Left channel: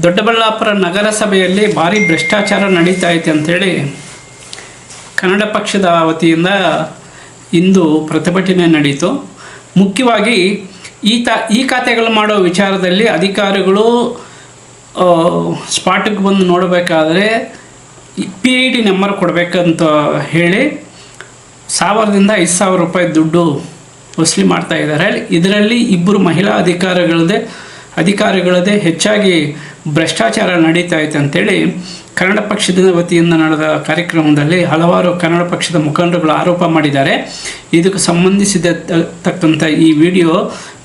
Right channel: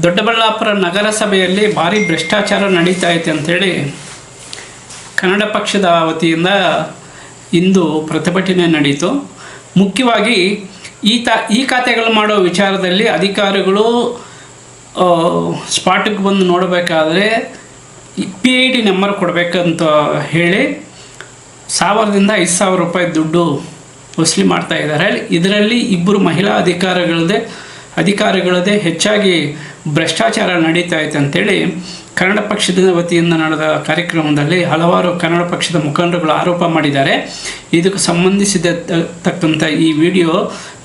ದೊಡ್ಡಬಳ್ಳಾಪುರ ನಗರಸಭೆಯಲ್ಲಿ ಭಾರಿ ಭ್ರಷ್ಟಾಚಾರ ನಡೀತಾ ಐತೆ ಅಂಥೇಳಿ ಕನ್ನಡ ಪಕ್ಷದ ವತಿಯಿಂದ ಇಂದು ಪ್ರತಿಭಟನೆ ನಡೀತು. ಮುಖ್ಯವಾಗಿ ಈ ಖಾತೆಗಳು ಮಾಡೋ ವಿಚಾರದಲ್ಲಿ ಅಧಿಕಾರಿಗಳು ಸ್ಪಾಟಿಗೆ ಬಂದು ನೋಡಬೇಕಾದ್ರೆ PID ನಂಬರ್ ಕೊಡಬೇಕಂತ ಹೇಳಿ 1000ರಿಂದ 5000 ರೂಪಾಯಿ ದುಡ್ಡು ವಸೂಲಿ ಮಾಡ್ತಾ ಇದ್ದಾರೆ. ಇದರಲ್ಲಿ ಇಬ್ಬರು ಮಹಿಳಾ ಅಧಿಕಾರಿಗಳದೇ ಹೆಚ್ಚಾಗಿ ಭ್ರಷ್ಟಾಚಾರ ನಡೀತಾ ಐತೆ ಅಂತೇಳಿ ಕನ್ನಡ ಪಕ್ಷದ ವತಿಯಿಂದ ನಡೆದ ಕಾರ್ಯಕ್ರಮದಲ್ಲಿ ಹಲವಾರು ಕನ್ನಡ ಪಕ್ಷದ ಮುಖಂಡರುಗಳು ಆರೋಪ ಮಾಡಿದ್ದಾರೆ. ಇದಕ್ಕೆ ಸಂಬಂಧಿಸಿದತಕ್ಕಂಥ ಈ ವಿಡಿಯೋ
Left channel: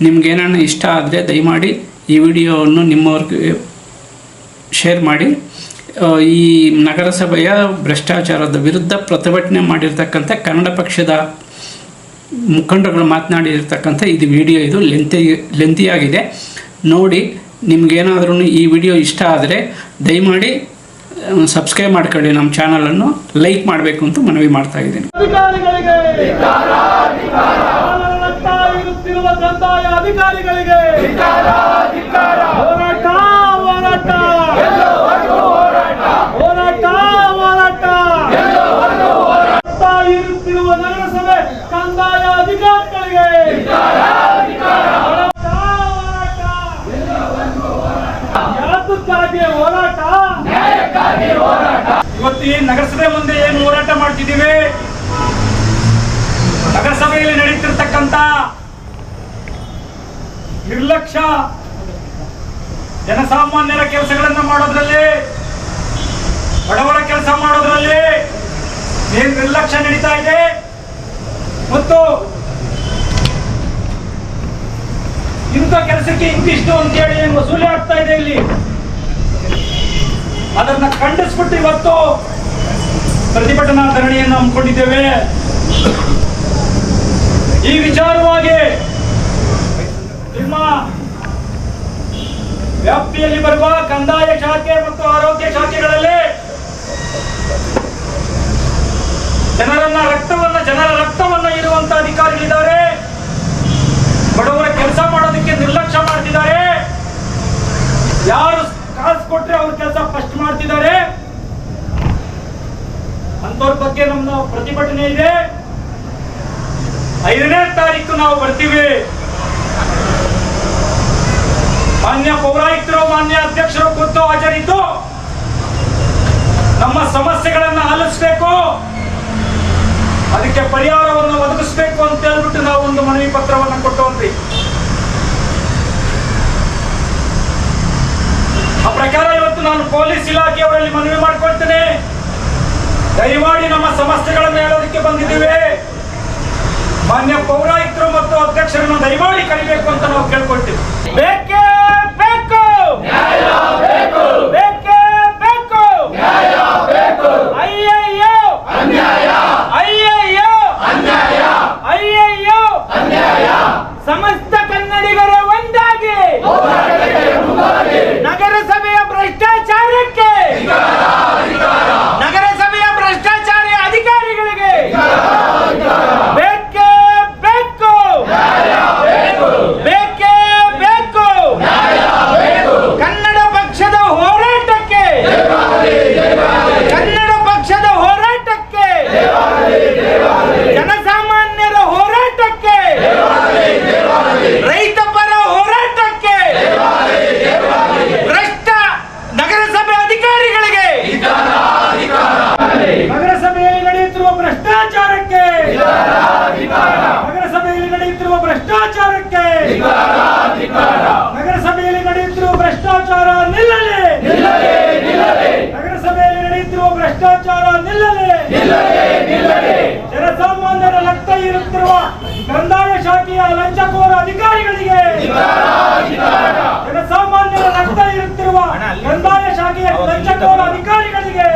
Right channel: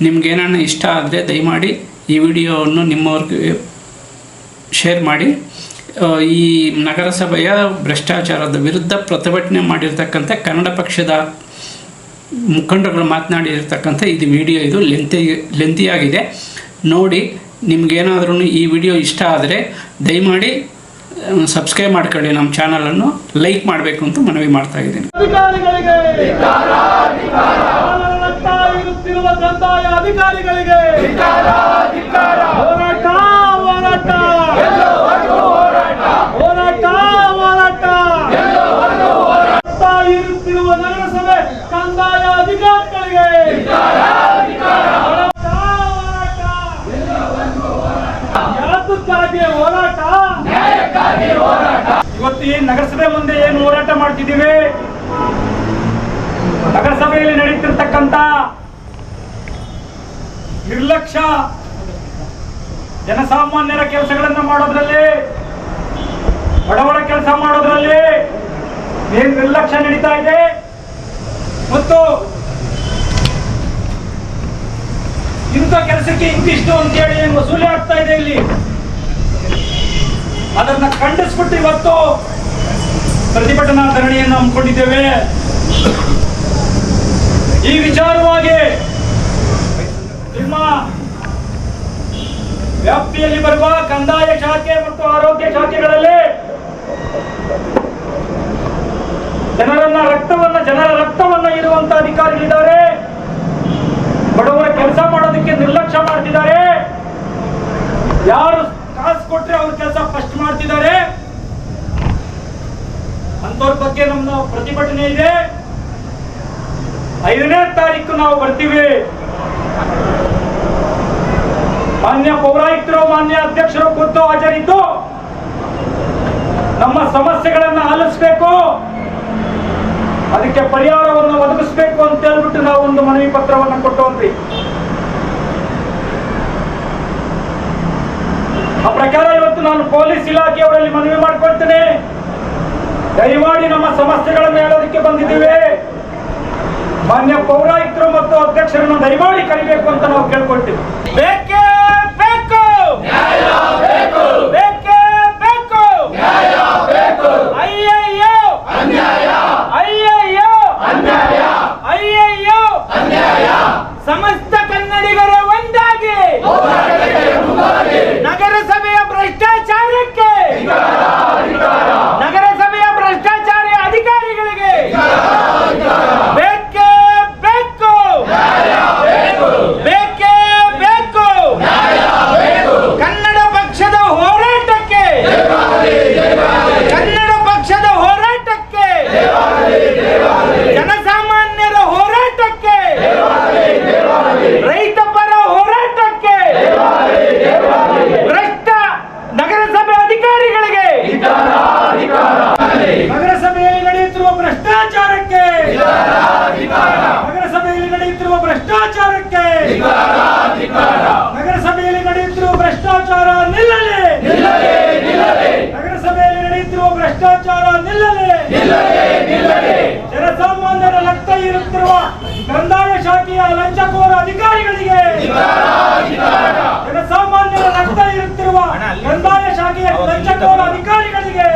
ನಿಮಗೇನಾನ ಇಷ್ಟ ಆದರೆ ದಯಮಾಡಿ ಈ ವಿಡಿಯೋವನ್ನು ನಿಮ್ಮವ್ರಿಗೆ ಶೇರ್ ಮಾಡಿ. ಈ ನಗರಸಭೆಯ ಭ್ರಷ್ಟಾಚಾರದ ವಿರುದ್ಧ ಪ್ರತಿಭಟನೆ ಮಾಡಿರ್ತಕ್ಕಂಥ ಕನ್ನಡ ಪಕ್ಷದ ಮುಖಂಡರುಗಳು ಮಾತನಾಡಿರ್ತಕ್ಕಂಥ ಇದು ವಿಡಿಯೋ, ಇದು ಲೆಂತಿಯಾಗಿದೆ. ನೋಡಿ, ನಿಮಗೇನಾದ್ರೂ ಈ ವಿಡಿಯೋ ಇಷ್ಟ ಆದರೆ ದಯಮಾಡಿ ಸಬ್ಸ್ಕ್ರೈಬ್ ಮಾಡ್ಕೊಳ್ಳಿ, ನಮ್ಮ ಚಾನಲನ್ನು ಲೈಕ್ ಮಾಡಬೇಕು ಅಂತ ಮನವಿ ಮಾಡ್ತಾ ಇದ್ದೀನಿ. ಇವತ್ತು ಈ ನಗರಸಭೆ ಮುಂದೆ ಏನು ಹೋರಾಟ ಮಾಡ್ತಿದ್ದೀವಿ, ನಗರಸಭೆಯಲ್ಲಿ ನಡೀತಿರ್ತಕ್ಕಂಥ ನಿರ್ಲಕ್ಷ್ಯ, ಜನಸಾಮಾನ್ಯರ ಕೆಲಸಗಳನ್ನ ಮಾಡೋದ್ರಲ್ಲಿ, ಬಡವರ ಕೆಲಸ ಮಾಡೋದ್ರಲ್ಲಿ ಏನ್ ನಿರ್ಲಕ್ಷ್ಯ ನಡೀತಾ ಇದೆ ಮತ್ತು ಇಂಥ ಕೆಲಸಕ್ಕೆ ಇಂತಿಷ್ಟು ಅಂತೇಳಿ ಏನು ವಸೂಲಿ ಆಗ್ತಾ ಇದೆ ಇಲ್ಲಿ, ಅದನ್ನ ಖಂಡಿಸ್ಬಿಟ್ಟು ಇವತ್ತು ಪ್ರತಿಭಟನಾ ಧರಣಿಯನ್ನು ಹಮ್ಮಿಕೊಂಡಿದ್ದೇವೆ. ಈ ವಿಚಾರವಾಗಿ ನಿಮ್ಮ ವ್ಯಾಪ್ತಿಯಲ್ಲಿ ಬರುವ ಕಂದಾಯ ಶಾಖೆ ಮತ್ತು ಆರೋಗ್ಯ ಶಾಖೆಗಳಲ್ಲಿ ಜನರ ರಕ್ತವನ್ನ ಇರುವಂತ ಅಧಿಕಾರಿಗಳಿದ್ದಾರೆ. ಬಡವರ ಕೆಲಸ ಮಾಡೋದಕ್ಕೆ ನಿರ್ಲಕ್ಷ್ಯ ಮಾಡ್ತಿದ್ದಾರೆ. ಯಾರು ಕಾಸು ಕೊಟ್ರೆ ಅವ್ರ ಕೆಲಸ ಫಸ್ಟ್ ಮಾಡ್ತಿದ್ದಾರೆ. ಅಂತವ್ರ ಬಗ್ಗೆ ನಮ್ಮ ಪ್ರತಿಭಟನೆ ಇದೆ. 5ನೇ ತಾರೀಕು ನಾವು ಬರ್ತೀವಿ. ಮಾನ್ಯ ಪೌರಾಯುಕ್ತರು, ಮಾನ್ಯ ಅಧ್ಯಕ್ಷರು ಖುದ್ದು ಹಾಜರಿದ್ದು ನಮ್ಮ ಸಮಸ್ಯೆಗಳನ್ನ ಆಲಿಸಬೇಕು, ಅದಕ್ಕೆ ಪರಿಹಾರವನ್ನು ಒದಗಿಸಬೇಕು ಅಂತ ಹೇಳ್ಬಿಟ್ಟು ನಾವು ಒಂದು ಮನವಿ ಪತ್ರವನ್ನು ಕೊಟ್ಟವನ್ರಿ. ಆ ಪ್ರಕಾರ ಇವತ್ತು ನಾನು ಪೊಲೀಸ್ ಇಲಾಖೆಯವರಲ್ಲಿ ಮನವಿ ಮಾಡ್ಕೊಳ್ತೇನೆ, ದಯಮಾಡಿ ನಮ್ಮ ಸಮಸ್ಯೆಗಳನ್ನು ಹೇಳೋದಕ್ಕೆ ಬಂದಿದ್ದೀವಿ. ಮಾನ್ಯ ಪೌರಾಯುಕ್ತರು ಮತ್ತು ಅಧ್ಯಕ್ಷರನ್ನು ದಯಮಾಡಿ ಕರಿಬೇಕು ಅಂತ ನಾವು ಕೇಳ್ಕೊಳ್ತೀವಿ. ಬೇಕೇ ಬೇಕು, ಬೇಕೇ ಬೇಕು, ಅಯ್ಯಯ್ಯೋ ಅನ್ಯಾಯ, ಅಯ್ಯಯ್ಯೋ ಅನ್ಯಾಯ, ಅಯ್ಯಯ್ಯೋ ಅನ್ಯಾಯ. ಸಮಸ್ತ ಕನ್ನಡಿಗರ ಒಂದಾಗಿ ನಗರಸಭೆಯ ಭ್ರಷ್ಟಾಚಾರಕ್ಕೆ, ನಗರಸಭೆಯ ಭ್ರಷ್ಟಾಚಾರಿ ಅಧಿಕಾರಿಗಳಿಗೆ ಬೇಕೇ ಬೇಕು, ಬೇಕೇ ಬೇಕು. ಕನ್ನಡ ಪಕ್ಷದ ಹೋರಾಟಕ್ಕೆ, ಕನ್ನಡ ಪಕ್ಷದ ಹೋರಾಟಕ್ಕೆ, ಜನಸಾಮಾನ್ಯರ ಹೋರಾಟಕ್ಕೆ, ರೈತ ಪರ ಹೋರಾಟಕ್ಕೆ, ಭ್ರಷ್ಟ ನಗರಸಭೆ ಅಧಿಕಾರಿಗಳಿಗೆ, ನಗರಸಭೆಯಲ್ಲಿ ನಡೆಯುತ್ತಿರುವ ಭ್ರಷ್ಟಾಚಾರಕ್ಕೆ, ನಗರಸಭೆಯಲ್ಲಿ ನಡೆಯುತ್ತಿರುವ ಭ್ರಷ್ಟಾಚಾರಕ್ಕೆ, ನಗರಸಭೆಯಲ್ಲಿ ನಡೆಯುತ್ತಿರುವ ಭ್ರಷ್ಟಾಚಾರ ನಿಲ್ಲಲಿ, ನಗರಸಭೆಯಲ್ಲಿ ನಡೆಯುತ್ತಿರುವ ಭ್ರಷ್ಟಾಚಾರ ನಿಲ್ಲಲಿ. ಜನಸಾಮಾನ್ಯರ ರಕ್ತ ಇರುತ್ತಿರುವ ಕಂದಾಯ ಶಾಖೆಯ ಲಂಚಕೋರ ಅಧಿಕಾರಿಗಳಿಗೆ, ಜನಸಾಮಾನ್ಯರ ರಕ್ತ ಇರುತ್ತಿರುವ ಕಂದಾಯ ಶಾಖೆಯ ಲಂಚಕೋರ ಅಧಿಕಾರಿಗಳಿಗೆ,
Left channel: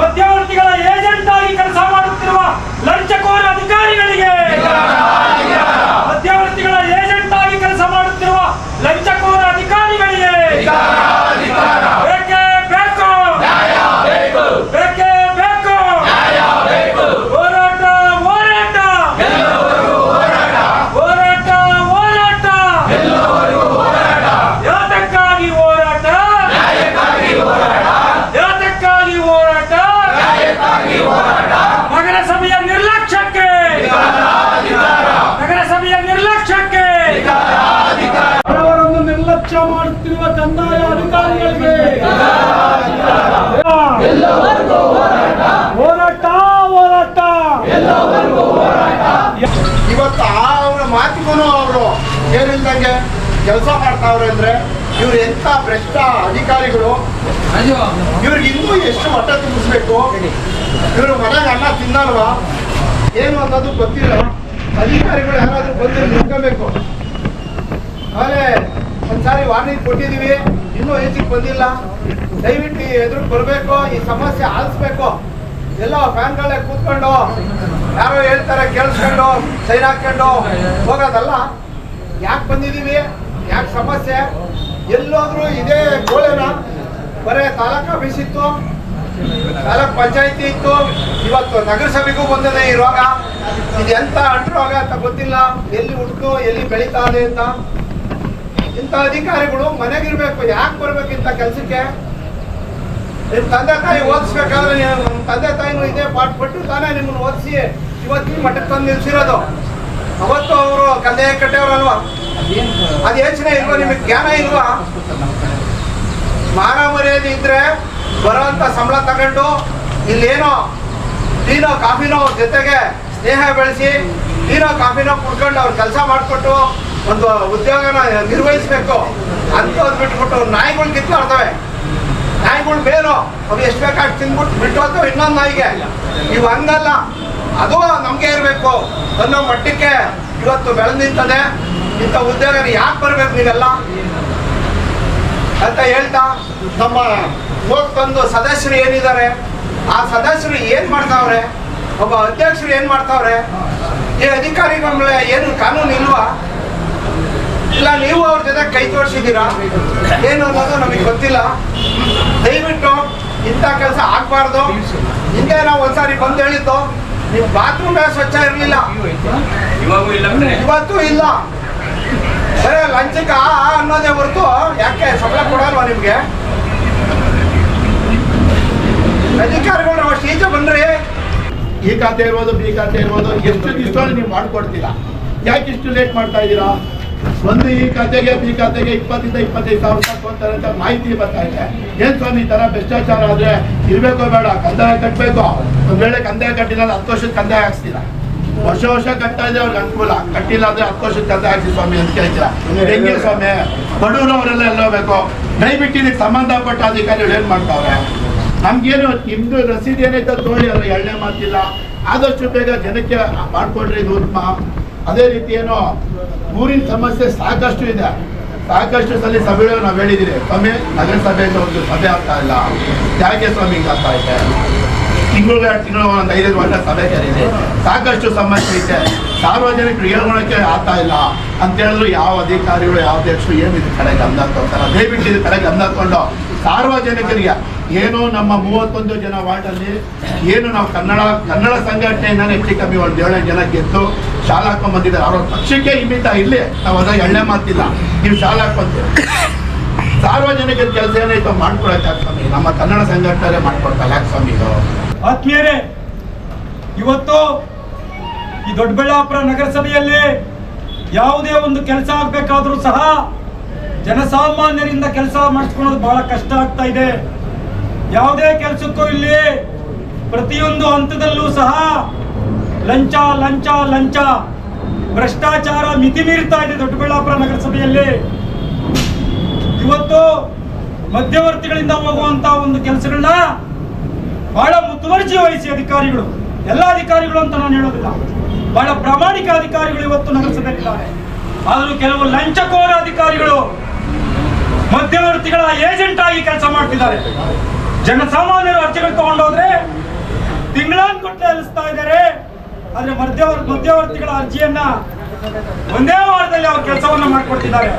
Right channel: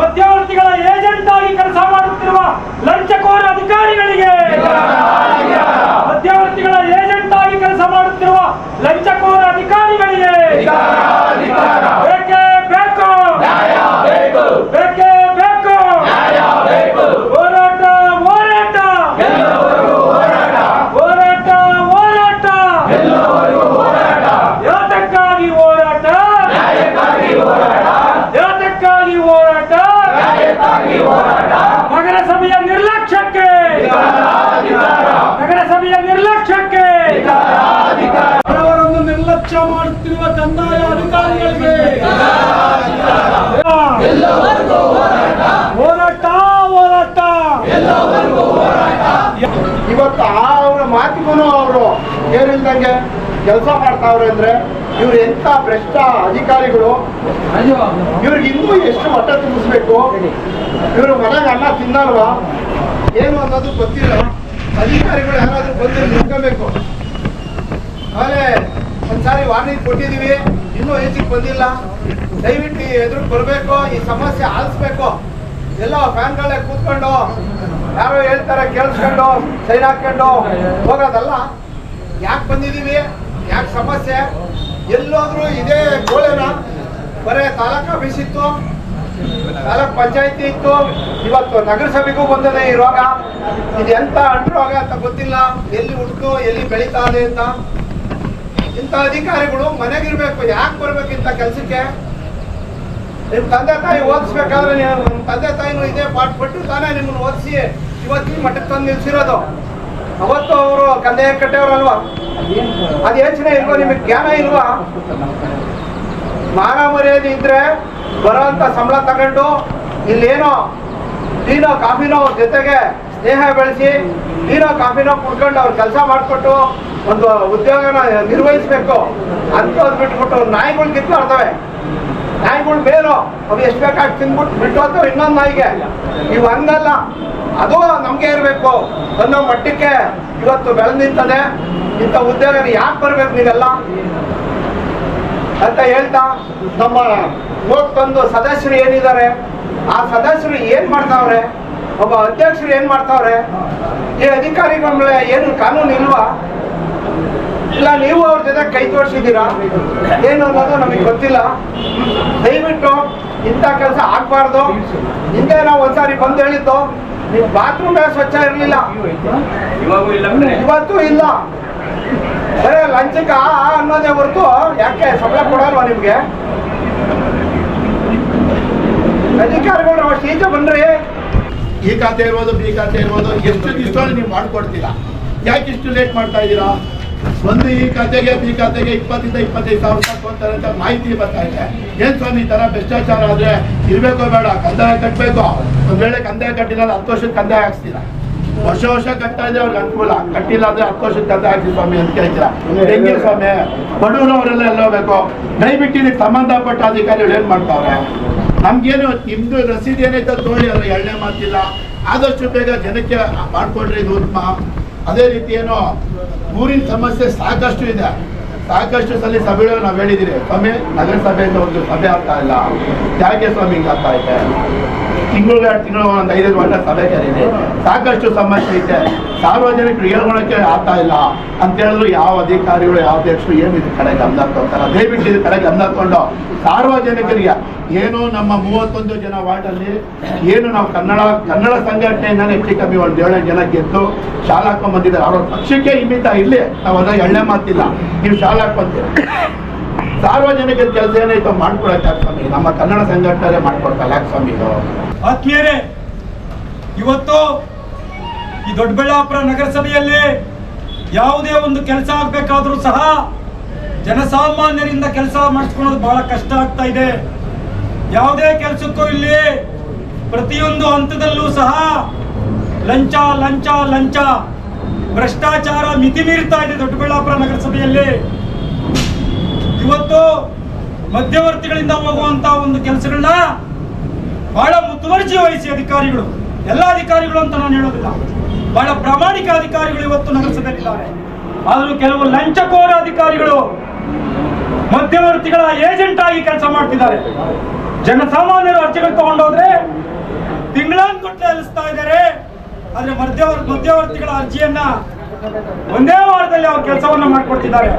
ಮಧ್ಯವರ್ತಿಗಳ ಏಜೆಂಟ್ ಆಗಿ ಕೆಲಸ ಮಾಡುತ್ತಿರುವ ಲಂಚಕೋರ ಅಧಿಕಾರಿಗಳಿಗೆ, ಮಧ್ಯವರ್ತಿಗಳ ಏಜೆಂಟ್ ಆಗಿ ಕೆಲಸ ಮಾಡುತ್ತಿರುವ ಲಂಚಕೋರ ಅಧಿಕಾರಿಗಳಿಗೆ ಬೇಕೇ ಬೇಕು, ಬೇಕೇ ಬೇಕು. ಮಾಡುತ್ತಿರುವ ಕಂದಾಯ ಅಧಿಕಾರಿಗಳಿಗೆ ಹೋರಾಟ ಹೋರಾಟ. ಇವತ್ತು ಅವರ ಮಾತಿಗೂ ಅವರು ಏನಿಲ್ದಂಗೆ ಕೆಲಸ ಮಾಡ್ತಾವ್ರೆ ಅಂದ್ರೆ ಇವ್ರು ಎಂತ ಭ್ರಷ್ಟ ಅಧಿಕಾರಿಗಳು. ಇವ್ರಿಗೆ ಇನ್ನೂ ಎಷ್ಟು ಹೊಟ್ಟೆ ತುಂಬಿಸ್ಬೇಕು? ಇವರು ಮನೆಗೆ ಅನ್ನ ತಿನ್ನಲ್ವಾ ಏನು ಅನ್ನೋದು ಗೊತ್ತಿಲ್ಲ. ಅಧಿಕಾರಿಗಳು ಯಾರಾದ್ರೂ ಬಂದು ನಿಂತ್ಕೋಬೇಕು. ಆಮೇಲೆ ಒಂದ್ಸಾರಿ ವಾರ್ನಿಂಗ್ ಕೊಟ್ಟಿದೀವಿ, ಇನ್ನೂ ಹೆಚ್ಚಿಗೆ ಬಂದಿಲ್ಲ. ದಯವಿಟ್ಟು ಎದುರು ಬರಬೇಕು, ಈ ಸಮಸ್ಯೆ ಆಲಿಸ್ಬೇಕು. ಎಲ್ಲ ಫ್ಯಾನ್ಗಳೇ ಕೂತ್ಕೊಂಡು ಯಾರೋ ಹೇಳ್ತಾರೆ ಕೇಳಿಸ್ಕೊಂಡು ಸೈನ್ ಹಾಕೊಂಡು ಹೋಗೋದಲ್ಲ. ಯಾಕೆ ಬಂದಿದ್ದೀವಿ, ಯಾಕೆ ಸಮಸ್ಯೆ, ಎಲ್ಲೋದ್ರೂ ಇದೇ ಗೋಳೆನ. ಬರೇ ತಾಲೂಕು ಆಫೀಸ್ ಇತ್ತು, ತಾಲೂಕ್ ಪಂಚಾಯತಿ ಇತ್ತು, ಇವತ್ತು ನಗರಸಭೆಗೂ ಬಂದಿದೆ ಈ ರೋಗ. ಇದು ಎಂತ ಅಂಟು ರೋಗ ಅಂತ ಗೊತ್ತಿಲ್ಲ, ಎಲ್ಲಿ ಹುಟ್ಟು ಎಲ್ಲಿ ಬೆಳೀತಾ ಇದೆ ಅಂತ. ಇಂಥ ಅಧಿಕಾರಿಗಳು ಮನೆಗಿರ್ಬೇಕು, ಯಾಕೆ ಬರ್ಬೇಕು ಇಂಥ ಕೆಲಸಕ್ಕೆ? ನಿಮ್ಮ ತಂದೆ ತಾಯಿ ಓದಿಸ್ಬೇಕಾದ್ರೆ ನಿಮ್ಮ ತಂದೆ ತಾಯಿನೂ ಇದೇ ಪಾಠ ಪಟ್ಟು ತಾನೇ ನಿಮ್ಮನ್ನು ಓದಿಸಿ ಇವತ್ತಿನ ಮಟ್ಟಕ್ಕೆ ತಂದು ನಿಲ್ಸಿರೋದು. ಅವತ್ತು ಅವರು ಕಂದಾಯ ಕಟ್ಟೆಯವರಲ್ವಾ? ಅದು ಯೋಚನೆ ಇಲ್ವಾ? ನಿಮಗೆ ಜ್ಞಾನ ಇಲ್ವಾ? ಮಾನ ಮರ್ಯಾದೆ ಇದ್ರೆ ಬರೋಂಥ ಸಂಬಳ ತಗೊಂಡು ಇಲ್ಲೇನೋ ಟೀನೋ ಕಾಫಿನೋ ಜೊತೆಗೆ ಸ್ನೇಹ ಬೆಳೆಸಿ ಟೀನೋ ಕಾಫಿನೋ ಕುಡ್ಕೊಂಡು ಅವ್ರು ಕೆಲಸ ಮಾಡಿಕೊಟ್ಟು ಒಂದು ಉದ್ಯೋಗನ ನಿರ್ವಹಿಸ್ಬೇಕು. ಅಂಥದ್ದು ಬಿಟ್ಬಿಟ್ಟು ನಾಯಿಗಳು ಕಿತ್ತಾಡ್ತವೆ. ನಾಯಿಗಳು ಬೇರು, ಅವು ಎಷ್ಟು ಬೇಕಾಗಿ ತಿಂದ್ಬಿಟ್ಟು ಬಿಟ್ಟು ಹೋಗ್ತವೆ ಇನ್ನೊಂದು ನಾಯಿಗೆ. ಇವು ಹಂಗಲ್ಲ, ಅದು ನಮಗೆ ಇರಬೇಕು ಅನ್ನೋ ಮಟ್ಟಕ್ಕೆ ಇವತ್ತು ಬೆಳೆದು ನಿಂತದೆ. ಇಂಥ ಉದ್ಯೋಗ ಯಾಕೆ ಬರ್ಬೇಕು ನೀವೆಲ್ಲ ಅಂತ ಹೇಳ್ತಾ, ನಮ್ಮ 31 ಸದಸ್ಯರು ಏನಿದ್ದಾರೆ, ಆ ಸದಸ್ಯರು ಏನ್ ಮಾಡ್ತಾವ್ರೆ, ಒಬ್ಬ ಅಧ್ಯಕ್ಷರು ಏನ್ ಮಾಡ್ತಾವ್ರೆ, ಈ ಅಧಿಕಾರಿಗಳ ಮೇಲೆ ಏನು ಕಾನೂನು ಇಲ್ವಾ? ಇಲ್ಲ ನೀವು ಅವ್ರ ಜೊತೆ ಕೈ ತೋರಿಸಿದ್ದೀರಾ ಏನು ಅನ್ನೋದು ನಮಗೆ ಗೊತ್ತಿಲ್ಲ. ದಯವಿಟ್ಟು ಇಂಥ ಕೆಲಸ ಆಗ್ಬಾರ್ದು. ಹಿಂದೆ ನಾವು ಒಂದ್ಸಾರಿ ಬಂದು ಹೇಳಿದ್ದು, ನೀವು ಬಾತ್ರೂಮ್ ಸ್ವಚ್ಛ ಇರಲಿಲ್ಲ, ಇವತ್ತು ಇಲ್ಲ. ಸರಿ ಲಂಚಕ್ಕೆ ಅನ್ನೋದೇ ಹೊರತು ಯಾಕೆ ಸಂಬಳ ಕೊಡಲ್ವಾ ನಿಮ್ಗೆ? ಅಧಿಕಾರಿಗಳು ಅಷ್ಟು ಈಚೆ ಬನ್ರಿ. ಈ ಖಾತೆ ಇರ್ಬೋದು, ಬಿ ಖಾತೆ ಇರ್ಬೋದು, ಎಷ್ಟು ಇಷ್ಟೋ ನೀವು ಮಾಡ್ಕೊಡ್ತೀರಾ? ಯಾಕೆ ಇಷ್ಟು ಲೇಟ್ ಮಾಡ್ತಾ ಇದ್ದೀರಾ? ಒಂದು ಈ ಖಾತೆಗೆ ಬಿ ಖಾತೆಗೆ 20 ಇಂದ 25 ಸಾವಿರ ರೂಪಾಯಿ ಕೊಡ್ತಾರೆ ಅಂತ ಮಾಹಿತಿ ಬರ್ತಾ ಇದೆ. ಏನ್ ಸ್ವಾಮಿ ಈ ತರ ಭ್ರಷ್ಟಾಚಾರ ಆದ್ರೆ ಇರ್ಬೇಕೋ ಬೇಡ? ಕಂದಾಯ ಕಟ್ಟಬೇಕು. ಒಂದ್ ವೇಳೆ ಕಂದಾಯ ಕಟ್ಟಿಲ್ಲ 10 ವರ್ಷದ ಕಂದಾಯ ಹಾಕ್ಸ್ತೀರಾ? ವರ್ಷ ಕಟ್ತಾ ಇದೆ ಅವ್ರಿಗೆ ಅನುಕೂಲ, ಕಟ್ಟಿಲ್ಲ ಅಂದ್ರೆ 10 ವರ್ಷದ ಕಂದಾಯ ಹಾಕ್ಸಿ ಸ್ವಾಮಿ ಅಂತ ಕೇಳ್ತೀರಾ? ಹೆಂಗೆ ಸ್ವಾಮಿ? ಬಡವರು ಅವರೆಲ್ಲ ಎಲ್ಲ ಹೋಗ್ಬೇಕು. ದಯವಿಟ್ಟು ಇದಕ್ಕೆ ಸಂಬಂಧಪಟ್ಟ ಅಧಿಕಾರಿಗಳು ಏನ್ ಮಾಡ್ತಾವ್ರೆ? ನಮ್ಗೇನು ನಿಮ್ದು ರಸೀದಿ ಏನೈತೆ ತೋಳಿ, ಅದ್ರ ಎಳ್ಳೆ ಮಾತಿಲ್ಲ. ಆದಷ್ಟು ಬೇಗ ಜನಕ್ಕೆ ಮಾಡ್ಕೊಡ್ರಿ, ಇದು ಉತ್ತಮ. ಅದೇ ರೀತಿ ಏನೋ ಊರಿನ ಸಮಸ್ಯೆ ಸಾಕಷ್ಟು ಇದೆ. ಸಾಕಷ್ಟು ಸಲ ಸಭೆಗಳು ನಾವು ಹೇಳಿದ್ದೀರಿ, ಸ್ವಾಮಿ ನಗರಸಭೆಯಿಂದ ಒಂದು ಸಭೆ ಆಗ್ತಾ ಇಲ್ಲ. ಯಾಕೆ ಸ್ವಾಮಿ ಹಿಂಗೆ ಆಗ್ತಾ ಇದೆ? ತಿಂಗಳು 2 ತಿಂಗಳು ಒಂದು 5 ವರ್ಷ ಸಭೆ ಕರೀರಿ. ಸಾಕಷ್ಟು ಸಮಸ್ಯೆ ಇದೆ, ಸಾರ್ವಜನಿಕರು ಹೇಳ್ಕೊಳಕ್ಕೆ ಆಗ್ತಾ ಇಲ್ಲ ಅಂತ ಹೇಳಿದ್ರು ಯಾವ ಅಧಿಕಾರಿಗಳು ಯಾವ ಅಧ್ಯಕ್ಷರು ಏನು ಇದ್ರ ಕಡೆ ಗಮನ ತಗೋತಾರೆ? ದಯವಿಟ್ಟು ಇದ್ರ ಕಡೆ ಗಮನ ತಗೊಂಡು ಸಾರ್ವಜನಿಕರಿಗೆ ಏನು ನಮ್ಮ 31 ಜನ ವಾರ್ಡಲ್ಲಿ ಏನು ನಾವು ಕನ್ನಡ ಸಂಘಟನೆಯಿಂದಾನೆ ಹೆಚ್ಚು ಕಮ್ಮಿ ಒಂದು 7 ಜನ ಗೆದ್ದು ಶಾಲಾ ಹಾಕೊಂಡ್ ಬಂದಿದ್ದಾರೆ. ಅವ್ರ ಪಕ್ಷಕ್ಕೆ ಹಿಮಿತ ಇಲ್ಲಿ ನಾವು ಅದಾಗ ಎಣ್ಣೆ ಮಾತಿಲ್ಲ, ನೀವು ಶಾಲಾ ಹಾಕೊಂತೀವಿ. ಸಾರ್ವಜನಿಕರ ಕೆಲಸ ಏನಾಯ್ತು ಮಾಡ್ಕೊಳಕ್ಕೆ ಸ್ವಾಮಿ, ನಮ್ಮ ಕನ್ನಡ ಸಂಘಟನೆ ಮಾಡ್ಕೊಡ್ತಾ ಯಾಕೆ ಸ್ವಾಮಿ ಇದು? ಆತ್ಮೀಯರೇ, ಇವತ್ತು ಈ ದೊಡ್ಡಬಳ್ಳಾಪುರ ನಗರಸಭೆಯಲ್ಲಿ ಯಾವುದೇ ಒಂದು ಕೆಲಸ ಆಗ್ಬೇಕಾದ್ರೂ ಸಹ ಜನಸಾಮಾನ್ಯರಿಂದ ಕೆಲಸ ಮಾಡಿಸ್ಕೊಳ್ಳೋದು ಬಹಳ ಕಷ್ಟ ಆಗ್ತಾ ಇದೆ. ಯಾವುದೇ ಕೆಲಸಕ್ಕೂ ಇಲ್ಲಿ ಪ್ರತಿಯೊಂದು ಹಂತದಲ್ಲೂ ಸಹ ಲಂಚ ಲಂಚ ಲಂಚ ಭ್ರಷ್ಟಾಚಾರ ಮಿತಿ ಮೀರ್ತಾ ಇದೆ ದೊಡ್ಡಬಳ್ಳಾಪುರ ನಗರಸಭೆಯಲ್ಲಿ. ಇವತ್ತು ಮಧ್ಯವರ್ತಿಗಳಿಂದ ಹೋಗುವಂತ ಒಂದು ಕೆಲಸಗಳನ್ನ ಬಹಳ ಮುತುವರ್ಜಿ ವಹಿಸಿ ಅಧಿಕಾರಿಗಳು, ಎಲ್ಲ ಅಧಿಕಾರಿಗಳು ಅಂತ ನಾನು ಹೇಳೋದಿಲ್ಲ, ಬಹಳ ಪ್ರಾಮಾಣಿಕ ಅಧಿಕಾರಿಗಳು ಇವತ್ತು ನಗರಸಭೆಯಲ್ಲಿದ್ದಾರೆ. ಆದರೂ ಕೆಲವು ಲಂಚಕೋರ ಅಧಿಕಾರಿಗಳು ಮಧ್ಯವರ್ತಿಗಳ ಏಜೆಂಟ್ ಆಗಿ ಕೆಲಸ ಮಾಡ್ತಿದ್ದಾರೆ. ಜನಸಾಮಾನ್ಯರು ಅರ್ಜಿಗಳು ತಗೊಂಡೋದ್ರೆ ತಿಂಗಳಾನ್ಗಟ್ಟಲೆ ಅಲಿಸ್ತಾ ಇದ್ದಾರೆ. ಆದ್ರೆ ಮಧ್ಯವರ್ತಿಗಳ ಅರ್ಜಿಯನ್ನ ಒಂದೇ ವಾರದಲ್ಲಿ ಅವ್ರ ಕೆಲಸವನ್ನ ಮಾಡ್ಕೊಡ್ತಿದ್ದಾರೆ.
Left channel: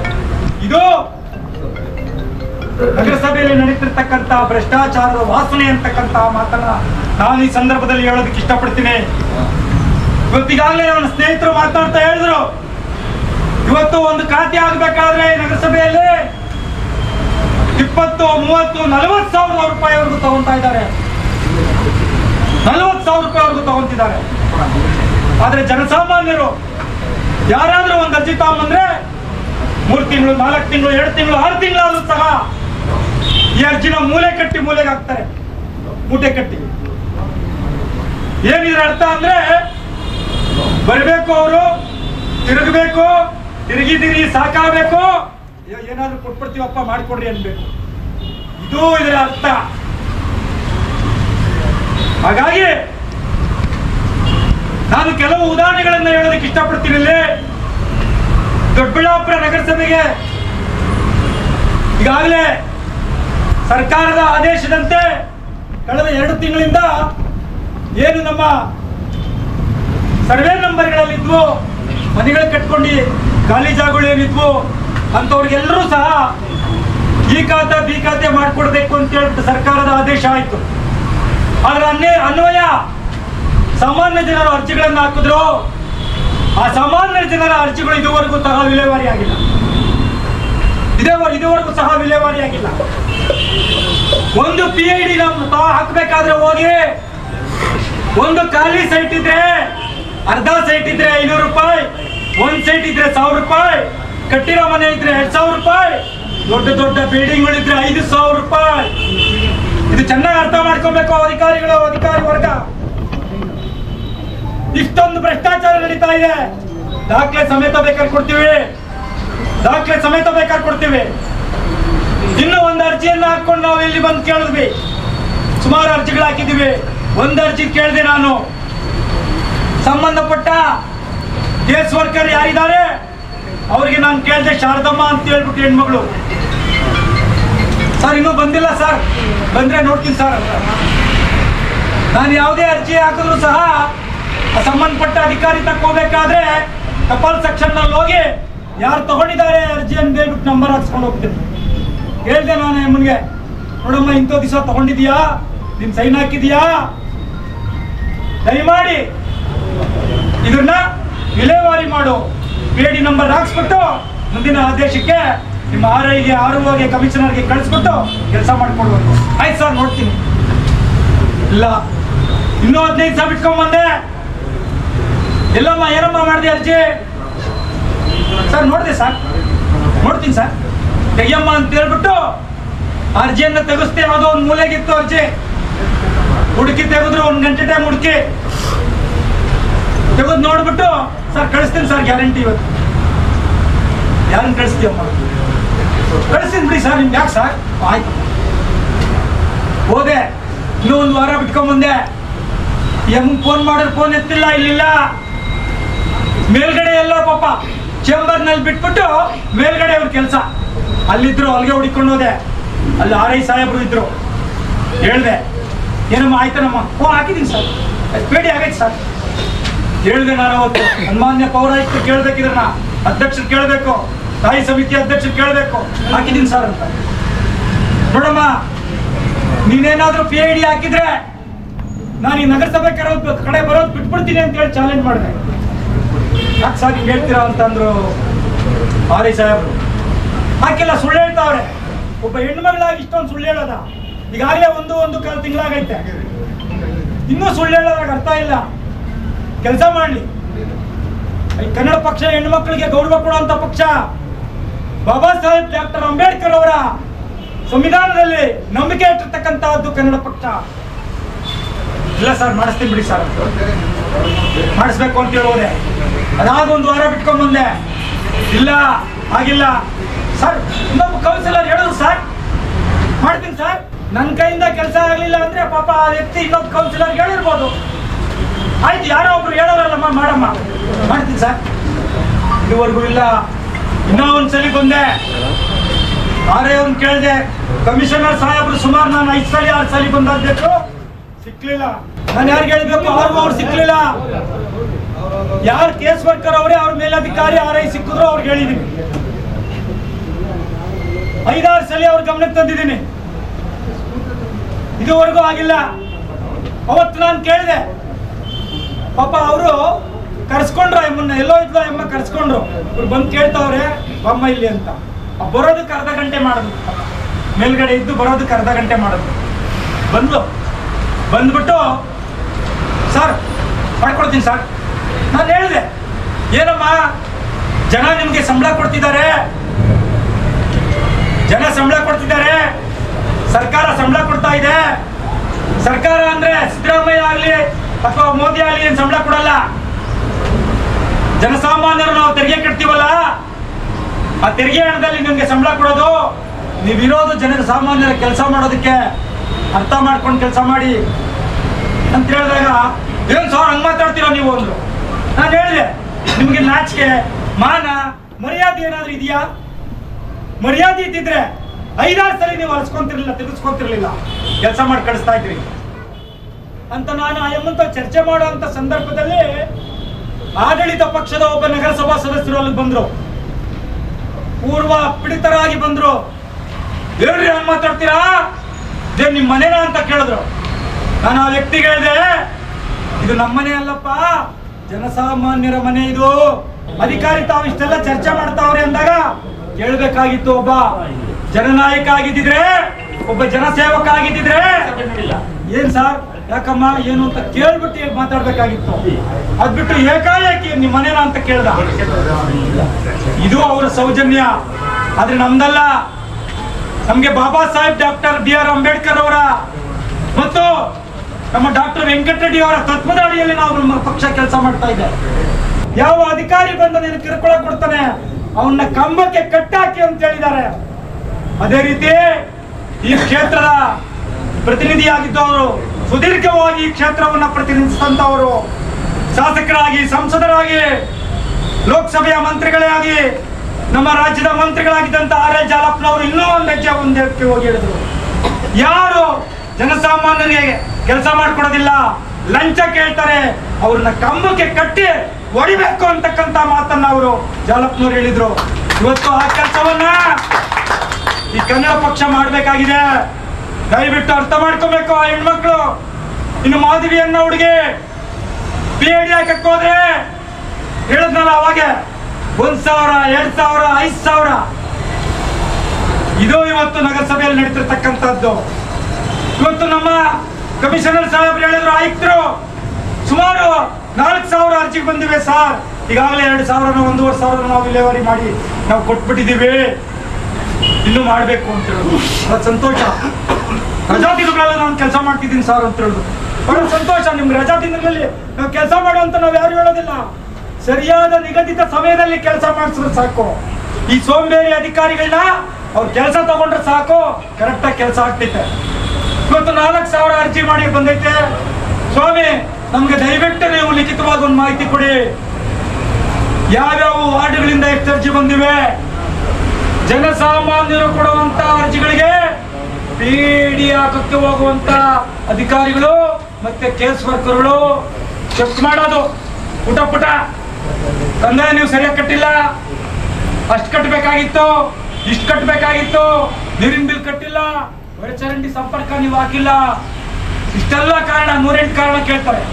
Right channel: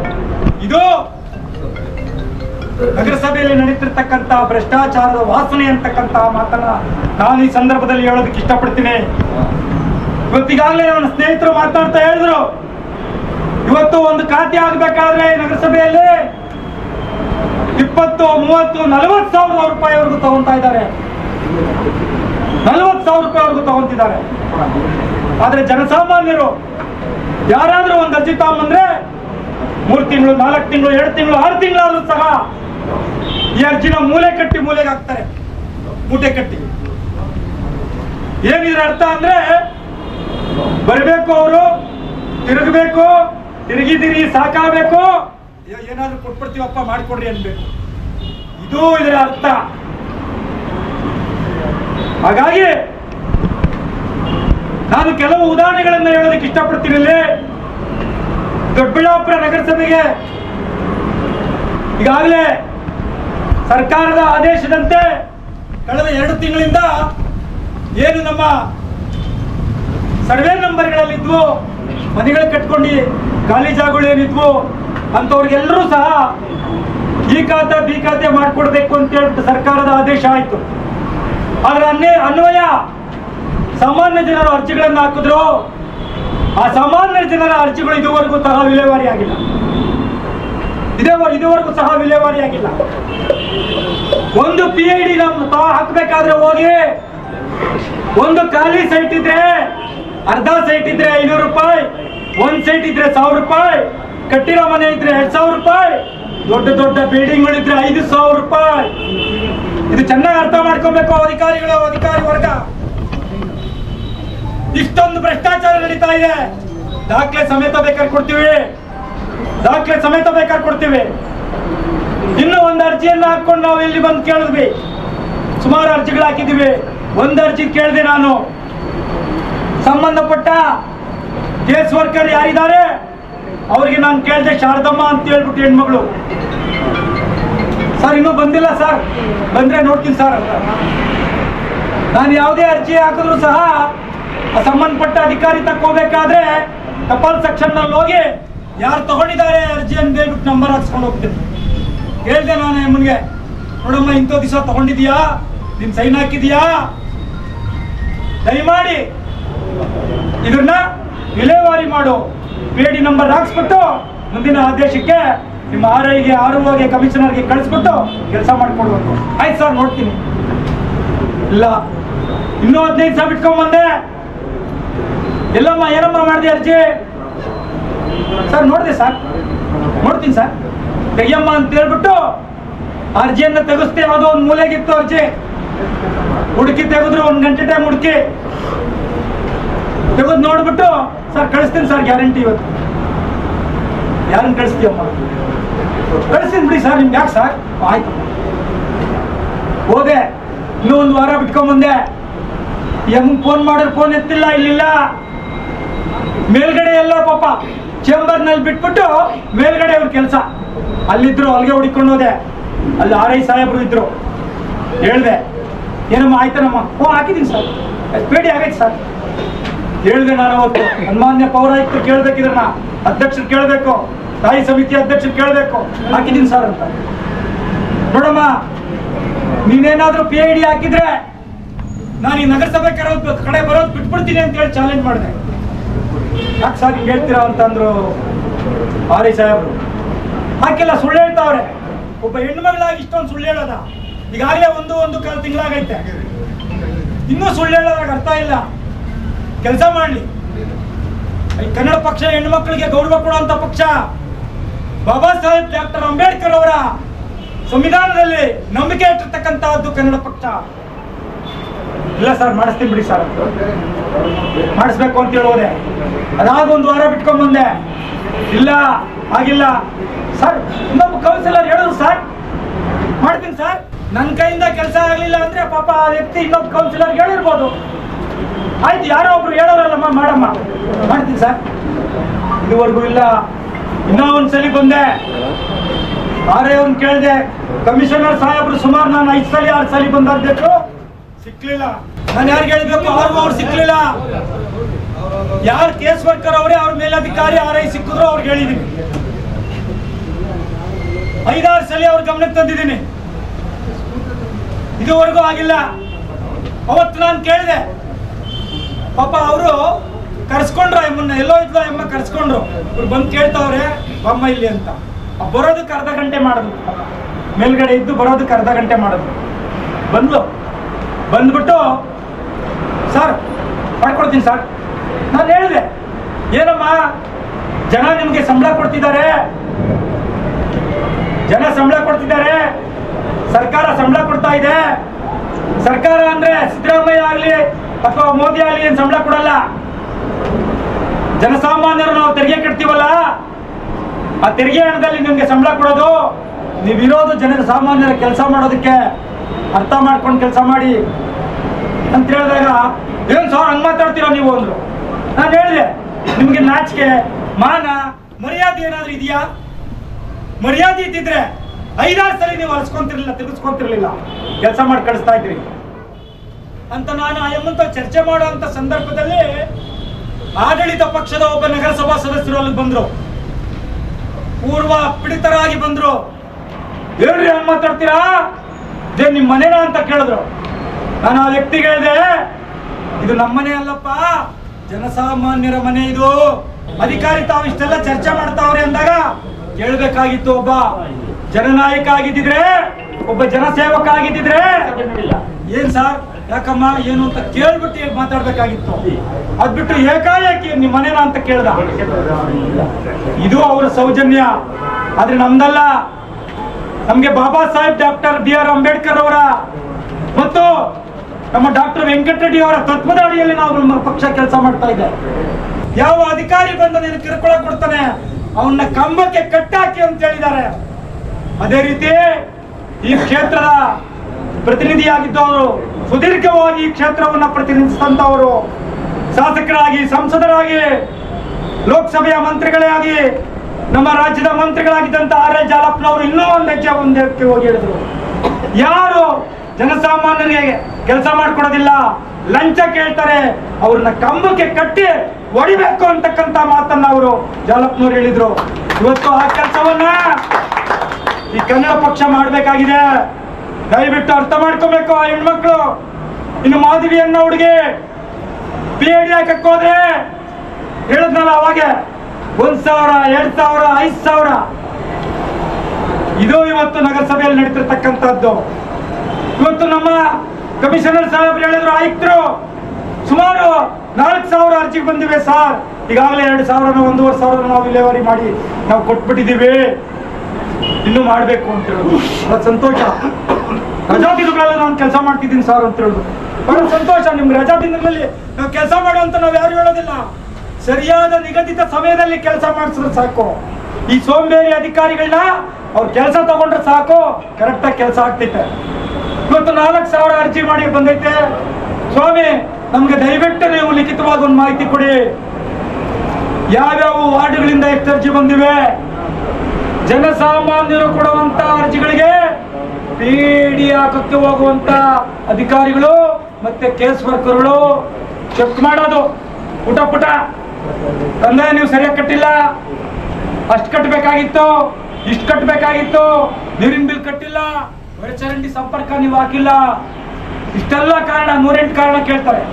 ಇದು ನಗರಸಭೆಯಲ್ಲಿ ನಡೀತಿರ್ತಕ್ಕಂಥ ಭ್ರಷ್ಟಾಚಾರದ ವಾಸನೆ ಅಂತಕ್ಕಂಥ ಮಾತನ್ನ ನಾನು ಈ ಸಂದರ್ಭದಲ್ಲಿ ಹೇಳೋದಕ್ಕೆ ಇಷ್ಟಪಡ್ತೀನಿ. ಇವತ್ತಿಗಾಗಲೇ ನನ್ನ ಸ್ನೇಹಿತರು ಮಾತನಾಡ್ತಾ ಹೇಳಿದ್ರು, ಇವತ್ತು ಒಂದು ಖಾತೆ ಆಗ್ಬೇಕಾದ್ರೆ ನಗರಸಭೆಯಲ್ಲಿ 20, 30, 40 ಸಾವಿರ ರೂಪಾಯಿವರೆಗೂ ತಗೊಂತಾ ಇದ್ದಾರೆ. 40 ಸಾವಿರ ರೂಪಾಯಿವರೆಗೂ ತಗೊಂತಿದ್ದಾರೆ. ಆದ್ರೆ ಜನಸಾಮಾನ್ಯರು ಯಾರಾದ್ರೂ ಒಂದು ಅರ್ಜಿ ತಗೊಂಡ್ಬಂದ್ರೆ 3 ತಿಂಗಳು 4 ತಿಂಗಳು 2 ತಿಂಗಳು 6 ತಿಂಗಳಾದ್ರೂ ಸಹ ಈ ಅರ್ಜಿನ ಮೂಲೆಗೆ ಹಾಕ್ತಾರೆ, ಮೂಟೆ ಕಟ್ಟಿ. ಏನಿದ್ರ ಅರ್ಥ ಅಂದ್ರೆ ಬರಬೇಕು, ಅವರು ತಿರುಗಬೇಕು, ತಿರುಗಿ ಸಾಕಾಗಬೇಕು, ಏನಾದ್ರೂ ಕೊಟ್ಬಿಡ್ತೀವಪ್ಪ ಮಾಡಿಕೊಡ್ರಿ ಅನ್ಬೇಕು. ಇದು ಇದರ ಅರ್ಥ. ಹಾಗಾಗಿ ನಾನು ಕೆಲವು ಉದಾಹರಣೆಗಳನ್ನ ಹೇಳೋದಕ್ಕೆ ಇಷ್ಟಪಡ್ತೀನಿ. ಇಲ್ಲಿ ದೊಡ್ಡಬಳ್ಳಾಪುರ ನಗರಸಭೆಗೆ ಈಗಾಗಲೇ ಸರ್ಕಾರದ ಆದೇಶದಂತೆ ಕಳೆದ 2 ತಿಂಗಳಿಂದ ಏನು ನಮ್ಮ ಸರ್ವೆ ನಂಬರ್ಗಳಲ್ಲಿದ್ವು, ಮನೆಗಳು ಕಟ್ಕೊಂಡು ಖಾಲಿ ಜಾಗಗಳು ಏನಿದ್ವು ಅಂಥವ್ರಿಗೆಲ್ಲರೂ ಸಹ ಈ ಖಾತೆ ಬಿ ಖಾತೆ ಮಾಡಿಕೊಡ್ಬೇಕು ಅಂತ ಹೇಳ್ಬಿಟ್ಟು ಸರ್ಕಾರದ ಆದೇಶ ಆಯಿತು. ಅದರ ಅನ್ವಯ ಸಾಮಾನ್ಯ ಜನರು ಅರ್ಜಿಗಳನ್ನು ಹಾಕಿದ್ರು. ಆ ಸಾಮಾನ್ಯ ಜನರ ಅರ್ಜಿಗಳು ಇದುವರೆಗೂ ಸಹ ವಿಲೇವಾರಿ ಆಗಿಲ್ಲ. ಇದುವರೆಗೂ ಸಹ ವಿಲೇವಾರಿ ಆಗಿಲ್ಲ. ಒಂದು PID ನಾವು ಹಾಕಬೇಕಾದ್ರೆ ಹೋಗಿ ಒಂದು ಖಾಲಿ ಸೈಟ್ ಇದ್ರೆ, ಅರ್ಧ ಸೈಟ್ ಇದ್ರೆ 500 ರೂಪಾಯಿ, ಒಂದು ಸೈಟ್ ಇದ್ರೆ 1000 ರೂಪಾಯಿ, ಕಟ್ಟಿರೋ ಮನೆ ಇದ್ರೆ 2000 ರೂಪಾಯಿ, ದೊಡ್ಡ ಬಿಲ್ಡಿಂಗ್ಗಳಿದ್ರೆ 5000 ರೂಪಾಯಿ. ಇದು ಚೆನ್ನಾಗಿ ಅರ್ಥ ಮಾಡ್ಕೊಬೇಕು ಅಧಿಕಾರಿ ವರ್ಗ. ಇಷ್ಟೊಂದು ಭ್ರಷ್ಟಾಚಾರ ನಡೀತಾ ಇದೆ. ದಾಖಲೆ ಸಮೇತ ಬೇಕಾದ್ರೆ ಕೊಡ್ತೀವಿ. ಇನ್ನು ಒಂದು ಅರ್ಜಿಯನ್ನ ಹಾಕೊಂಡು ನಾವು ಇಲ್ಲಿ ಬಂದು ಕೇಳಿದ್ವಿ. ಸುಮಾರು ಅರ್ಜಿಗಳು ಹಾಕಿದ್ದೀವಿ. ಒಂದು ಅರ್ಜಿ ಕೇಳಿದೆ ನಾನು, ಸಂಬಂಧಪಟ್ಟ ಕೇಸ್ ವರ್ಕರ್ ಯಾರಿದ್ದಾರೆ ಅವ್ರಿಗೆ ನಾನು ಕೇಳಿದೆ, ಶಾರದಮ್ಮ ಅಂತ ಹೇಳ್ಬಿಟ್ಟು ಹೆಣ್ಮಗಳು. ಸರ್ ಇನ್ನೂ ಬಂದಿಲ್ಲ ಸರ್, ಬಂದ್ರೆ ನೋಡ್ತೀನಿ ಸರ್ ಅಂತ. ನಾನು ಯಾವುದೇ ಅರ್ಜಿ ಹಾಕಿದ್ರು ಸಹ ಸಂಬಂಧಪಟ್ಟ ಅಧಿಕಾರಿ ತಕ್ಕೋಬೇಕಾದ್ರೆ ಕಪಾಲ್ ಸೆಕ್ಷನ್ ನಲ್ಲಿ ಹೋಗಿ ಯಾರು ತಗೊಂಡಿದ್ದಾರೆ ಅರ್ಜಿ ಅಂತ ಹೇಳ್ಬಿಟ್ಟು ನಂಬರ್ ಹಾಕ್ಸ್ಕೊಂಡು ಹೋಗ್ತೀನಿ. ಹೇಳ್ದೆ ನಾನು ಅಮ್ಮನಿಗೆ, ನೋಡಮ್ಮ ಇಂಥ ದಿವಸ ತಗೊಂಡಿದ್ಯಾ, ನಿನ್ ಸೈನ್ ಹಾಕಿದ್ಯಾ, ದಯಮಾಡಿ ಇದನ್ನ ವಿಲೇವಾರಿ ಮಾಡು, PID ನಂಬರ್ ಹಾಕ್ಸ್ಬಿಟ್ಟು ಮುಂದಿನ ಆದೇಶಕ್ಕೆ ನಿಮ್ಮ RIಗೆ ROಗೆ ಕಮಿಷನರ್ಗೆ ಕಳಿಸ್ಬಿಟ್ಟು ಕೆಲಸ ಮಾಡ್ಕೊಡ್ಬೇಕು. ಆಯ್ತು ಸರ್ ನೋಡ್ತೀನಿ. ಇಲ್ಲ ಇನ್ನೂ 15 ಸಾವಿರ ಬಿಟ್ಕೊಂಡ್ ಬಂದೆ. ಎಲ್ಲಮ್ಮ ಏನಮ್ಮ ಮಾಡಿದೆ ಅರ್ಜಿ? ಸರ್ ನೋಡಿದೆ ಸರ್, ನೋಡ್ತೀನಿ ಸರ್, ತೆಗಿಯಮ್ಮ ಅಂತ ಹೇಳ್ಬಿಟ್ಟು ಅರ್ಜಿಯನ್ನ ತೆಗಿಸ್ತೇವೆ. ಅದು ಒಂದು ಮೂಲೆಗಿತ್ತು ಅರ್ಜಿ, ಹುಡುಕಿ ತೆಗೆದ್ರು 1 ಗಂಟೆ ಟೈಮ್ ಹುಡುಕಿ ತೆಗೆದು ನೋಡ್ಬಿಟ್ಟು ಸರ್ ಕಳಿಸ್ತೀನಿ ಸರ್, ಗ್ಯಾರಂಟಿ ಇವತ್ತು. ಯಾರನ್ನ ಕಳಿಸ್ತೀವಮ್ಮ? ಕಳಿಸ್ತೀನಿ ಬಿಡಿ ಸರ್, ನಿಮ್ಗೆ ಯಾಕೆ ಸರ್? ಆಯ್ತು ಹೋದೆ. ಇನ್ನೂ 1 ವಾರ ಬಿಟ್ಕೊಂಡ್ಬಂದೆ. ಫೋನ್ ಮಾಡಿದ್ರೆ ಫೋನ್ ಎತ್ತಿಲ್ಲ, ಇಲ್ಲಿಲ್ಲ. ಮೇಲ್ಗಡೆ ಎಲ್ಲ ಪಾಪ ಚೇಂಬರ್ನಲ್ಲಿ ಬಿಟ್ಬಿಟ್ಟು ಮೇಲ್ಗಡೆ ಅವ್ರ ಕೆಲಸ ಅಲ್ಲಿದ್ರು, ಅಲ್ಲಿಗೆ ಹುಡುಕೊಂಡು ಹೋದೆ. ಅಲ್ಲಿ RI ಸಾಹೇಬ್ರು ಇದ್ರು. ಹೇಳ್ದೆ, ಏನಮ್ಮ ಆಯ್ತನಮ್ಮ? ಹಾಕಿದ್ದೀನಿ ಸರ್, PID ಆಗೈತೆ ಸರ್. ಹೇಳ್ದೆ ನಾನು ಅವತ್ತು, ಅನ್ಮಾನ್ಯ ಪೌರಾಯುಕ್ತರು ಕೇಳ್ಬೇಕಿದ್ರನ್ನ, ಅಧ್ಯಕ್ಷರು ಕೇಳಬೇಕು, ಸ್ಥಾಯಿ ಸಮಿತಿ ಅಧ್ಯಕ್ಷರು ಕೇಳಬೇಕು, ಹಾಕಿದ್ದೀನಿ ಸರ್ ಅಂತ. ನೋಡಮ್ಮ, ನೀನೇನಾದ್ರೂ PID ಹಾಕಿದ್ರೆ ನಾನು ಈ ನಗರಸಭೆ ಕಡೆ ಬರೋದು ಬಿಟ್ಬಿಡ್ತೀನಿ ಅಂತ ಹೇಳಿ ಚಾಲೆಂಜ್ ಮಾಡಿದೆ. ಯಾಕೆ ಸರ್ ಹಿಂಗೆ ಹೇಳ್ತೀರಾ ಅಂತಂದ್ರು RI ಸಾಹೇಬ್ರು. ಹಾಕಿಲ್ಲ, ಸುಳ್ಳು ಹೇಳ್ತಾವ್ರೆ. ಒಬ್ಬ ಹೆಣ್ಮಗಳಾಗಿ ಇಷ್ಟೊಂದು ಸುಳ್ಳು ಹೇಳೋದ? ಈಗಾಗಲೇ 1.25 ತಿಂಗಳಾಗೈತೆ, ಇನ್ನೂ ಸುಳ್ಳು ಹೇಳೋದಾಗ ಅರ್ಥ ಇಲ್ಲ. ಕೆಲಸ ಮಾಡಲಿ. ಈ ಕನ್ನಡ ಪಕ್ಷ ಹೆಣ್ಮಕ್ಳಿಗೆ ಗೌರವ ಕೊಡುವಂತ ಪಕ್ಷ. ಬಾಬಾ ಸಾಹೇಬ್ ಡಾಕ್ಟರ್ ಅಂಬೇಡ್ಕರ್ ಅವರ ಸಂವಿಧಾನದಲ್ಲಿ ನಂಬಿಕೆ ಇಟ್ಟಿರ್ತಕ್ಕಂತಹದ್ದು ಕನ್ನಡ ಪಕ್ಷ. ಇಲ್ಲ ಸರ್ ಮಾಡಿಸ್ತೀನಿ ಬಿಡಿ ಸರ್, ಮಾಡಿಸ್ಬೇಕು ಅಂತ ಹೇಳೋದೆ. ಅದಾದ 1 ವಾರ ಬಿಟ್ಕೊಂಡ್ ಬಂದೆ. ಇಲ್ಲ ಆಗಿಲ್ಲ ಸರ್. ಇನ್ನೊಬ್ಬ ಕೌನ್ಸಿಲರ್ ಹೇಳಿದ್ರು ಸರ್, ಮಾಡ್ತೀನಿ ಸರ್. ನನ್ನ ಕೈಯಿಂದ ಕೆಲಸ ಆಗಲಿಲ್ಲ ಅಂದ್ರೆ ಪಾಪ ಆ ವ್ಯಕ್ತಿ ಇನ್ನೊಬ್ಬ ಕೌನ್ಸಿಲರ್ ಹೇಳಿರ್ಬೋದು. ಆಯ್ತು, ಯಾರೋ ಒಬ್ರು ಹೇಳೋರಲ್ಲಮ್ಮ, ಮಾಡಮ್ಮ, ಮಾಡ್ತೀನಿ ಸರ್. ಇದುವರೆಗೂ ಇಲ್ಲ. ಇನ್ನೂ ಒಂದ್ಸಲಿ ಬಂದೆ, RI ಅವ್ರನ್ನ ಕೇಳಿದೆ. ಕಮಿಷನರ್ ಸಾಹೇಬ್ರು ಸುಮಾರು ನಾನು 5 ಸಲ 6 ಸಲ ಬಂದಾಗಬೇಕು, ಸಿಕ್ಲಿಲ್ಲ. ನಾನು ಯಾರಿಗೆ ಹೇಳ್ಬೇಕು? ಅವ್ರು ಸಿಕ್ಲಿಲ್ಲ. ಯಾರು ಕೇಸ್ ವರ್ಕರ್ ಅವರೇ, ಅವ್ರ ಮೇಲಧಿಕಾರಿ RI ಸಿಕ್ಕಿದ್ರು ಅವ್ರಿಗೆ ಹೇಳಿದೀನಿ. 5-6 ಸಲ ಅವ್ರ ಗಮನಕ್ಕೆ ತಂದಿದ್ದೀನಿ, ಇದುವರೆಗೂ ಆಗಿಲ್ಲ. ಅವತ್ತು ನಾನು ಕೇಳಿದೆ, ಪಾಪ ಅವರು ಕರ್ಸ್ಕೊಂಡ್ರು ಎಮ್ಮನ್ನ, ಎಲ್ಲೋ ಇದ್ಲು ಎಮ್ಮ ಕರ್ಸ್ಕೊಂಡ್ರು. ಇವ್ರು ಬಂದು ಕೇಳ್ತಾವ್ರೆ, ಬಮ್ಮ ಇಲ್ಲಿ ಅಂತ. ಬರೋದಕ್ಕೆ ಅರ್ಧ ಗಂಟೆ ಮಾಡಿದ್ರು, ಮೇಲ್ಗಡೆ ಇದ್ದು ಬರೋದಕ್ಕೆ ಅರ್ಧ ಗಂಟೆ ಮಾಡಿದ್ರು. ಬಂದ್ಬಿಟ್ಟು ಸರ್ ಮಾಡ್ಕೊಡ್ತೀನಿ ಸರ್. ನಾನು ಹೇಳಿದೆ, ಏನಮ್ಮ ಜನ ನಿಮಗೆ ಸಂಬಳ ಕೊಡ್ತಿದ್ದಾರೆ, ಜನ ಸಂಬಳ ಕೊಡ್ತಿದ್ದಾರೆ, ಸರ್ಕಾರ ಸಂಬಳ ಕೊಡ್ತಾ ಇದೆ. ಸರ್ಕಾರ ಅಂದ್ರೆ ಸಿದ್ದರಾಮಯ್ಯ ಆಗಲಿ ಅಥವಾ ಮೋದಿ ಆಗಲಿ ಏನು ಸಂಬಳ ಕೊಡಲ್ಲ. ಜನಸಾಮಾನ್ಯರು ನಾವು ತೆರಿಗೆ ಕಟ್ತೀವಲ್ಲ, ಆ ತೆರಿಗೆ ಹಣದಲ್ಲಿ ನಿಮ್ಗೆ ಸಂಬಳ ಕೊಡೋದು. ನೀವಿರೋದು ಜನರ ಸಾಮಾನ್ಯರ ಕೆಲಸ ಮಾಡೋದಕ್ಕೆ, ಅರ್ಥ ಮಾಡ್ಕೊಂಡು ಕೆಲಸ ಮಾಡಿ ಅಂತ ಹೇಳಿದಾಗ ಏನು ಸರ್ ಹಂಗೆ ಮಾತಾಡ್ತೀರೋ ನೀವು ಅಂದ್ರು. ನಾನು ಹೇಳಿದೆ, ನಿಮ್ಗೆ ನಾಚಿಕೆ ಮಾನ ಮರ್ಯಾದೆ ಏನಾದ್ರೂ ಇದೆಯಾ? ಮರ್ಯಾದೆ ಇದ್ದಿದ್ರೆ 5-6 ಸಲ ನೀವು ತಿರುಗಿಸ್ಕೊಂತಿರ್ಲಿಲ್ಲ, ಕೆಲಸ ಮಾಡಿ ಕಳಿಸ್ತಾ ಇದ್ರಿ ಅಂತ ನಾನು ಎಂಬಂತ ಚರ್ಚೆ ಮಾಡುವಂತ ಸಂದರ್ಭದಲ್ಲಿ ಆಡಳಿತ ಪಕ್ಷದ ಒಬ್ಬ ನಗರಸಭಾ ಸದಸ್ಯರು ಅಲ್ಲಿ ಬಂದ್ರು, ಪೂರ್ವ ಪೀಡಿತರಾಗಿ ಬಂದ್ರು. ಹೇಳ್ರಿ ಹಂಗ್ ಮಾತಾಡ್ತೀರಾ, ಇದೇ ನಿಮ್ ಮನೆನಾ ಅಂತ ಕೇಳಿದ್ರು. ನಾನು ಆ ವ್ಯಕ್ತಿಗೆ ಹೇಳಿದೆ, ಇದು ನಮ್ಮನೆ ಅಲ್ಲಪ್ಪ, ಜನಸಾಮಾನ್ಯರ ಮನೆ ಇದು. ಅಧಿಕಾರಿ ತಾವು ಇಷ್ಟೆಲ್ಲ ಚರ್ಚೆ ಮಾಡ್ತಾವ್ರೆ ಅಂದಾಗ ಕೇಳ್ಬೇಕಾಗಿತ್ತು. ಒಬ್ಬ ಜನನಾಯಕ ಆಗಿದ್ದಿದ್ರೆ, ಒಬ್ಬ ಜನಸೇವಕ ಆಗಿದ್ದಿದ್ರೆ ಏನ್ ಸರ್ ಯಾಕಮ್ಮ ಏನು ಅಂತ ಕೇಳ್ಬಿಟ್ಟು ಮಾತಾಡ್ಬೇಕಾಗಿತ್ತು. ಅದ್ಬಿಟ್ಟು ಏಕಾಏಕಿ ನಿಮ್ ಮನೇನ ಅಂತ ಕೇಳ್ದ. ಇದು ಅವರ ಸೌಜನ್ಯ, ಆದ್ರೆ ನಮ್ದಲ್ಲ. ನಮ್ಗೆ ಬಾಬಾ ಸಾಹೇಬ್ ಡಾಕ್ಟರ್ BR ಅಂಬೇಡ್ಕರ್ ಅವರ ಮತ್ತು ನಮ್ಮ ಡಾಕ್ಟರ್ ವೆಂಕಟರೆಡ್ಡಿ ಅವರ ತತ್ವದ ಅಡಿಯಲ್ಲಿ ನಾವು ನಮ್ಮ ಪಕ್ಷ ಕೆಲಸ ಮಾಡ್ತಾ ಇದ್ದೇವೆ. ಯಾವ ಅಧಿಕಾರಿ ಬಂದು ನೀನು ಕಿರುಕುಳ ಕೊಡ್ತಾನೆ ಅವನ್ನ ಕಂಬಕ್ಕೆ ಕಟ್ಟಾಕಿ ಅಂತ ಹೇಳಿದ್ದಾರೆ. ಅದೇ ರೀತಿ ಈ ಕ್ಷೇತ್ರದ ಪ್ರತಿನಿಧಿಯಾಗಿದ್ದವರು, ಸುದೀರ್ಘವಾಗಿ ಈ ಕ್ಷೇತ್ರವನ್ನ ಪ್ರತಿನಿಧಿಸಿದಂತವರು, ಶಾಸಕರಾಗಿ, ಸಂಸದರಾಗಿ, ಲೋಕಸಭೆಯ ಮಂತ್ರಿಗಳೇ ಆಗಿ, ನಮ್ಮ ರಾಜ್ಯದ ಮಂತ್ರಿಗಳಾಗಿದ್ದಂತ R. L. ಜಾಲಪ್ಪನವರು ಇನ್ನೂ ಒಂದಕ್ಕೆ ಹೋಗಿ ಹೇಳಿದ್ರು, ಯಾರು ಜನಸಾಮಾನ್ಯರಿಗೆ ಕೆಲಸ ಮಾಡ್ಕೊಡೋದಿಲ್ಲ, ಲಂಚ ಕೇಳ್ತಾರೆ, ಅವ್ರನ್ನ ಕಂಬಕ್ಕೆ ಕಟ್ಟಿ ಹೊಡಿಬೇಕು ಅಂತಕ್ಕಂತ ಮಾತನ್ನ ಅವರು ಜಾಲಪ್ಪನವ್ರು ಹೇಳಿದ್ರು. ಇವತ್ತು ಆ ಕೆಲಸವನ್ನ ಈ ಕನ್ನಡ ಪಕ್ಷ ಮಾಡಬೇಕಾಗಿದೆ. ದಯವಿಟ್ಟು ಅರ್ಥ ಮಾಡ್ಕೋಬೇಕು. ಆ ಹೆಣ್ಮಕ್ಳು ಇನ್ನು ಮಾಧವಿ ಅನ್ನೋ ಹುಡುಗಿ PhD ಹಾಕಕ್ಕೆ ಹೋದ್ರೆ ಹೇಳಿದ್ನಲ್ಲ ಅವಾಗೆ 1,000, 2,000, 5,000 ಇದು ಇವತ್ತು ನಗರಸಭೆಯಲ್ಲಿ ನಡೀತಿರ್ತಕ್ಕಂಥದ್ದು. ಇವತ್ತು ನಮ್ಮ ಕಮಿಷನರ್ ಸಾಹೇಬ್ರು ಹೇಳಿದ್ರು, ಆಯುಕ್ತರು ಸುಮಾರು 4,000 ಅರ್ಜಿ ಬಂದಿವೆ ಸರ್, ಈಗಾಗಲೇ 2,000 1,500 ನಾವು ವಿಲೇವಾರಿ ಮಾಡಿ ನಾವು ಕೊಟ್ಬಿಟ್ಟಿದ್ದೀವಿ, ಇನ್ನೂ ಮಾಡಬೇಕು ಅಂತ ಹೇಳಿದ್ರು. ಬಹಳ ಸಂತೋಷ. ರಜಾ ದಿನಗಳೆಲ್ಲ ನಾನು ಕೆಲಸ ಮಾಡ್ತಿದ್ದೀನಿ ಸರ್ ಅಂತ ಹೇಳಿದ್ರು. ಬಹಳ ಸಂತೋಷ. ನಿಮ್ಗೆ ರಜಾ ದಿನಗಳಲ್ಲಿ ನಾವು ಕೆಲಸ ಮಾಡೋ ಅಂತ ನಾವು ಯಾರು ಹೇಳೋದಿಲ್ಲ. ಸರಿಯಾದ ನಿಗದಿತ ಸಮಯದಲ್ಲಿ ಕೆಲಸ ಮಾಡಿಸಿದ್ರೆ ಸಾಕು. ಈ ಸೋಂಬೇರಿ ಅಧಿಕಾರಿಗಳನ್ನ ಅವ್ರ ಕೆಲಸ ತಗೊಂಡ್ರೆ ಸಾಕು, ಕರೆಕ್ಟಾಗಿ ಕೆಲಸ ಆಗ್ತೈತೆ. ಇವತ್ತು 4,000 ಅರ್ಜಿ ಮಾಡಿ ಬಂದೈತೆ. ಸ್ವಾಮಿ ನಮ್ಗೆ ದಯವಿಟ್ಟು ನೀವು ಲಿಖಿತವಾದ ಒಂದು ಮಾಹಿತಿ ಕೊಡಿ, ಯಾವ್ಯಾವ ವಾರ್ಡ್ಗಳಿಂದ ಎಷ್ಟು ಅರ್ಜಿ ಬಂದಿವೆ. ಜನಸಾಮಾನ್ಯರು ಕೊಡುವಂತ ಅರ್ಜಿಗಳಿಗೆ PD ಹಾಕಕ್ಕೆ ಹೋಗುವಂತ ಅಧಿಕಾರಿಗಳು ಮತ್ತೆ ಕೇಸ್ ವರ್ಕರ್ಗಳು ಚೆಕ್ ಮಾಡೋದು, ಪುಟ ಕಂದಾಯ ನೀವು ಸರಿಯಾಗಿ ಕಟ್ಟಿಲ್ಲ, ಅಷ್ಟು ಕಟ್ಟಬೇಕಾಗಿತ್ತು, ಇಷ್ಟು ಕಟ್ಟಬೇಕಾಗಿತ್ತು, ನೀರಿನ ಬಿಲ್ ಕಟ್ಟಿಲ್ಲ, ಒಳಚರಂಡಿ ಸಂಪರ್ಕ ನೀವು ಹಾಕಿಲ್ಲ, ಇಷ್ಟೆಲ್ಲ ಕಾರಣ 108 ಕಾರಣ ಕೇಳ್ತಾರೆ.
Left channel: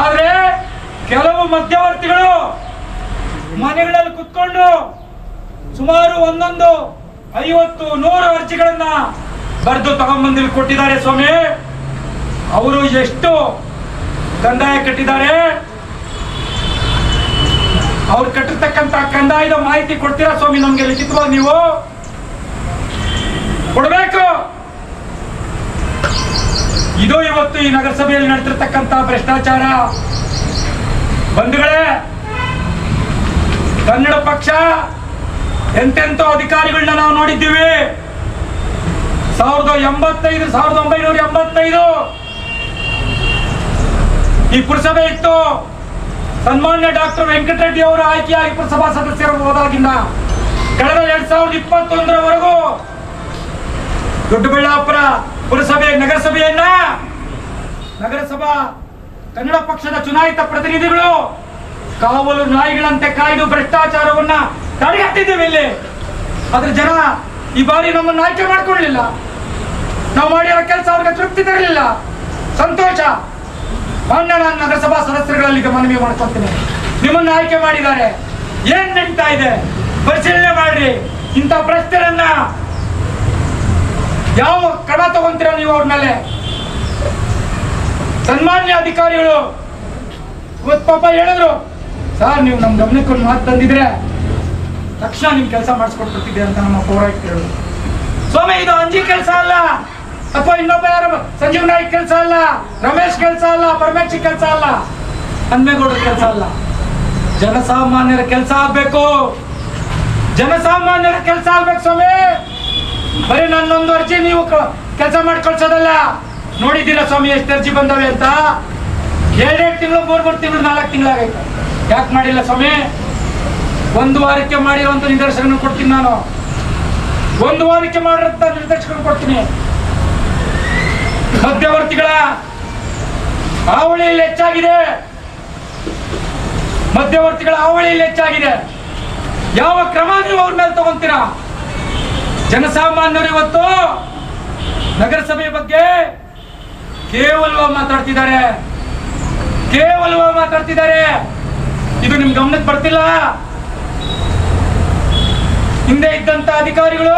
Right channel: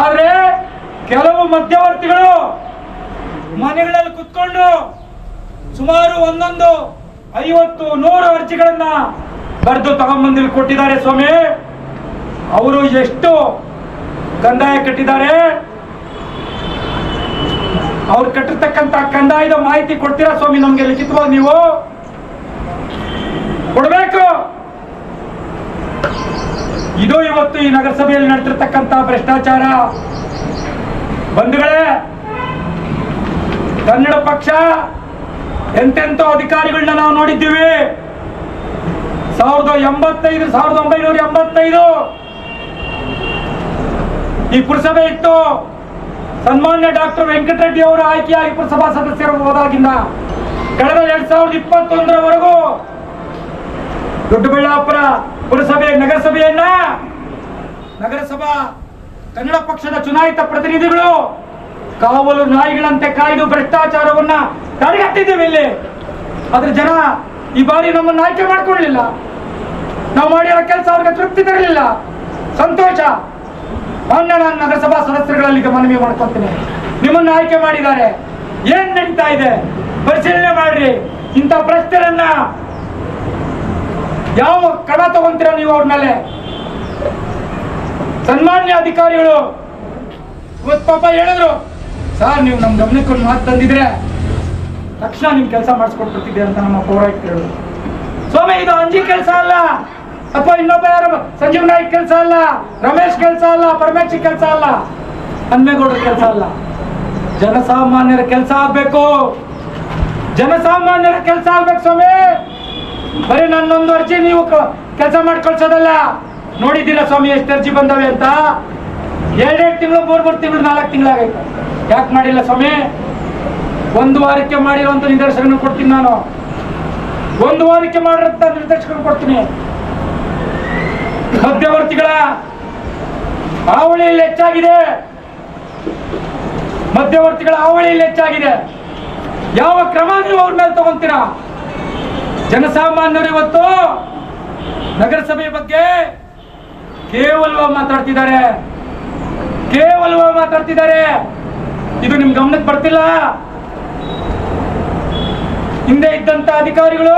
ಆದ್ರೆ ಕೆಲವು ಮಧ್ಯವರ್ತಿಗಳು ಮನೆಗಳಲ್ಲಿ ಕುತ್ಕೊಂಡು ಸುಮಾರು 150, 100 ಅರ್ಜಿಗಳನ್ನ ಬರೆದು ತಗೊಂಡ್ಬಂದಿಲ್ಲಿ ಕೊಟ್ಟಿದ್ದಾರೆ. ಸ್ವಾಮಿ ಅವರು ಎಷ್ಟು ಕಂದಾಯ ಕಟ್ಟಿದ್ದಾರೆ, ಅವ್ರು ಕಟ್ಟಿರ್ತಕ್ಕಂಥ ಕಂದಾಯದ ಮಾಹಿತಿ ಕೊಡ್ತೀರಾ ಸ್ವಾಮಿ ನಮ್ಗೆ ಲಿಖಿತವಾಗಿ ನೀವು ಕೊಡಬೇಕು. ಇದು ಇವತ್ತು ಈ ನಗರಸಭೆಯಲ್ಲಿ ನಡೆದಿರ್ತಕ್ಕಂಥ ಭ್ರಷ್ಟಾಚಾರ. ಬಂಧುಗಳೇ, ಕನ್ನಡ ಪಕ್ಷ ಎಂತೆಂಥ ಅಧಿಕಾರಿಗಳನ್ನ ನಾವು ನೋಡಿದ್ದೀವಿ. 1985 ಈ ಪುರಸಭೆ ಇತ್ತು. ಸನ್ಮಾನ್ಯ ಡಾಕ್ಟರ್ ವೆಂಕಟರೆಡ್ಡಿ ಅವರು ಆಯ್ಕೆಯಾಗಿ ಪುರಸಭಾ ಸದಸ್ಯರು ಹೋದಾಗಿಂದ ಕಳೆದ 2021ರವರೆಗೂ ದೊಡ್ಡಬಳ್ಳಾಪುರ ಪುರಸಭೆ ನಗರಸಭಾ ಕನ್ನಡ ಪಕ್ಷದ ಚುನಾಯಿತ ಪ್ರತಿನಿಧಿಗಳು ಕಾವಲು ನಾಯಿಗಳಂತೆ ಕಾಯ್ದು ಭ್ರಷ್ಟಾಚಾರವನ್ನ ತಡೆಗಟ್ಟಿದ್ದೇವೆ ಇಲ್ಲಿ. ಆದ್ರೆ ಜನ ಈ ಬಾರಿ ನಮ್ಮನ್ನು ಆಯ್ಕೆ ಮಾಡ್ಕೊಳ್ಳಲಿಲ್ಲ. ನಾವು ಮಾಡಿರೋ ಕೆಲಸ ಅವ್ರಿಗೆ ತೃಪ್ತಿ ತರಲಿಲ್ಲ. ಸಂತೋಷ. ಮಾನ್ಯ ನಾನು ನಗರಸಭಾ ಸದಸ್ಯರುಗಳಲ್ಲಿ ಮನವಿ ಮಾಡ್ಕೊಳ್ತೀನಿ, ನಿಮ್ಮನ್ನು ಆಯ್ಕೆ ಮಾಡಿದ್ದಾರೆ, ಏನ್ ನಡೀತಾ ಇದೆ ಪರಿಶೀಲನೆ ಮಾಡ್ರಿ. ಇಂಥ ಪ್ರಶ್ನೆಗಳನ್ನ ಯಾವ ಕ್ರಮ ತಗೊಂತೀರ ನೀವು ಅವ್ರ ಮೇಲೆ? ಸನ್ಮಾನ್ಯ ಅಧಿಕಾರಿಗಳು ಇವತ್ತು ಪಾಪ ಹೇಳಿದ್ರು, ಸರ್ ನೀವು ನಮ್ಮ ಗಮನಕ್ಕೆ ಒಂದು ಮಾತು ತಂದಿದ್ರೆ ತಕ್ಷಣ ನಿಮ್ ಕೆಲಸ ಮಾಡಿಸ್ಕೊಟ್ಬಿಡ್ತಿದ್ದೆ ಅಂತ ನಮ್ಮ ಪೌರಾಯುಕ್ತರು ಹೇಳಿದ್ರು. ಸ್ವಾಮಿ ಇದು ಅಂಜಿ ಕೆಲಸ ಅಲ್ಲ, ಅಥವಾ ಇನ್ನೊಬ್ಬ ಯಾರು ಸಂಜೀವ್ ನಾಯ್ಕ್ ಕೆಲಸ ಅಲ್ಲ, ರಮೇಶ್ ಕೆಲಸ ಅಲ್ಲ, ಪರಮೇಶ್ ಕೆಲಸ ಅಲ್ಲ, ಹನ್ಮೇಗೌಡರ ಕೆಲಸ ಅಲ್ಲ. ಜನಸಾಮಾನ್ಯರ ಕೆಲಸ ಆಗ್ಬೇಕು, ಜನಸಾಮಾನ್ಯರ ಕೆಲಸ ಆಗ್ಬೇಕು ಸ್ವಾಮಿ. ಬರೀ ನನ್ನೊಂದು ಅರ್ಜಿ ನೀವು ಕೆಲಸ ಮಾಡಿ ಕಳ್ಸೋದಲ್ಲ. ನೋಡಿದ್ದೀರಾ ಸ್ವಾಮಿ ಎಷ್ಟು ಅರ್ಜಿ ಬಂದವೆ ಅಂತ? 2 ತಿಂಗಳು 3 ತಿಂಗಳು 4 ತಿಂಗಳಾಗೈತೆ. ಯಾಕೆ ಮಾಡಿಲ್ಲ ಸ್ವಾಮಿ? 1 ವಾರಕ್ಕೆ ಮಾಡಿರುವಂತ ನಿದರ್ಶನ ಕೊಡ್ತೀನಿ ನಾನು. 1 ವಾರಕ್ಕೆ ಮಾಡಿರಂತ ನಿರ್ದೇಶನ ಕೊಡ್ತೀನಿ. ಮಧ್ಯವರ್ತಿಗಳ ಹಾವಳಿಯಲ್ಲಿ ಹೆಚ್ಚಾಗಿದೆ, ಮಧ್ಯವರ್ತಿಗಳ ಹಾವಳಿಯಲ್ಲಿ ಹೆಚ್ಚಾಗಿದೆ. ಯಾವ ಕ್ರಮ ನೀವು ಅವ್ರ ಮೇಲೆ ತಗೊಂತೀರಾ? ಜನಸಾಮಾನ್ಯರು ಇವತ್ತು ನಗರಸಭೆ ಬಗ್ಗೆ ಕೇವಲವಾಗಿ ಮಾತಾಡ್ತಿದ್ದಾರೆ. ಇದು ನಿಮ್ ಗಮನಕ್ಕೆ ಬರ್ತಿಲ್ಲ. ಹಿಂದೆ ಇದ್ದಂತ ಅಧಿಕಾರಿಗಳು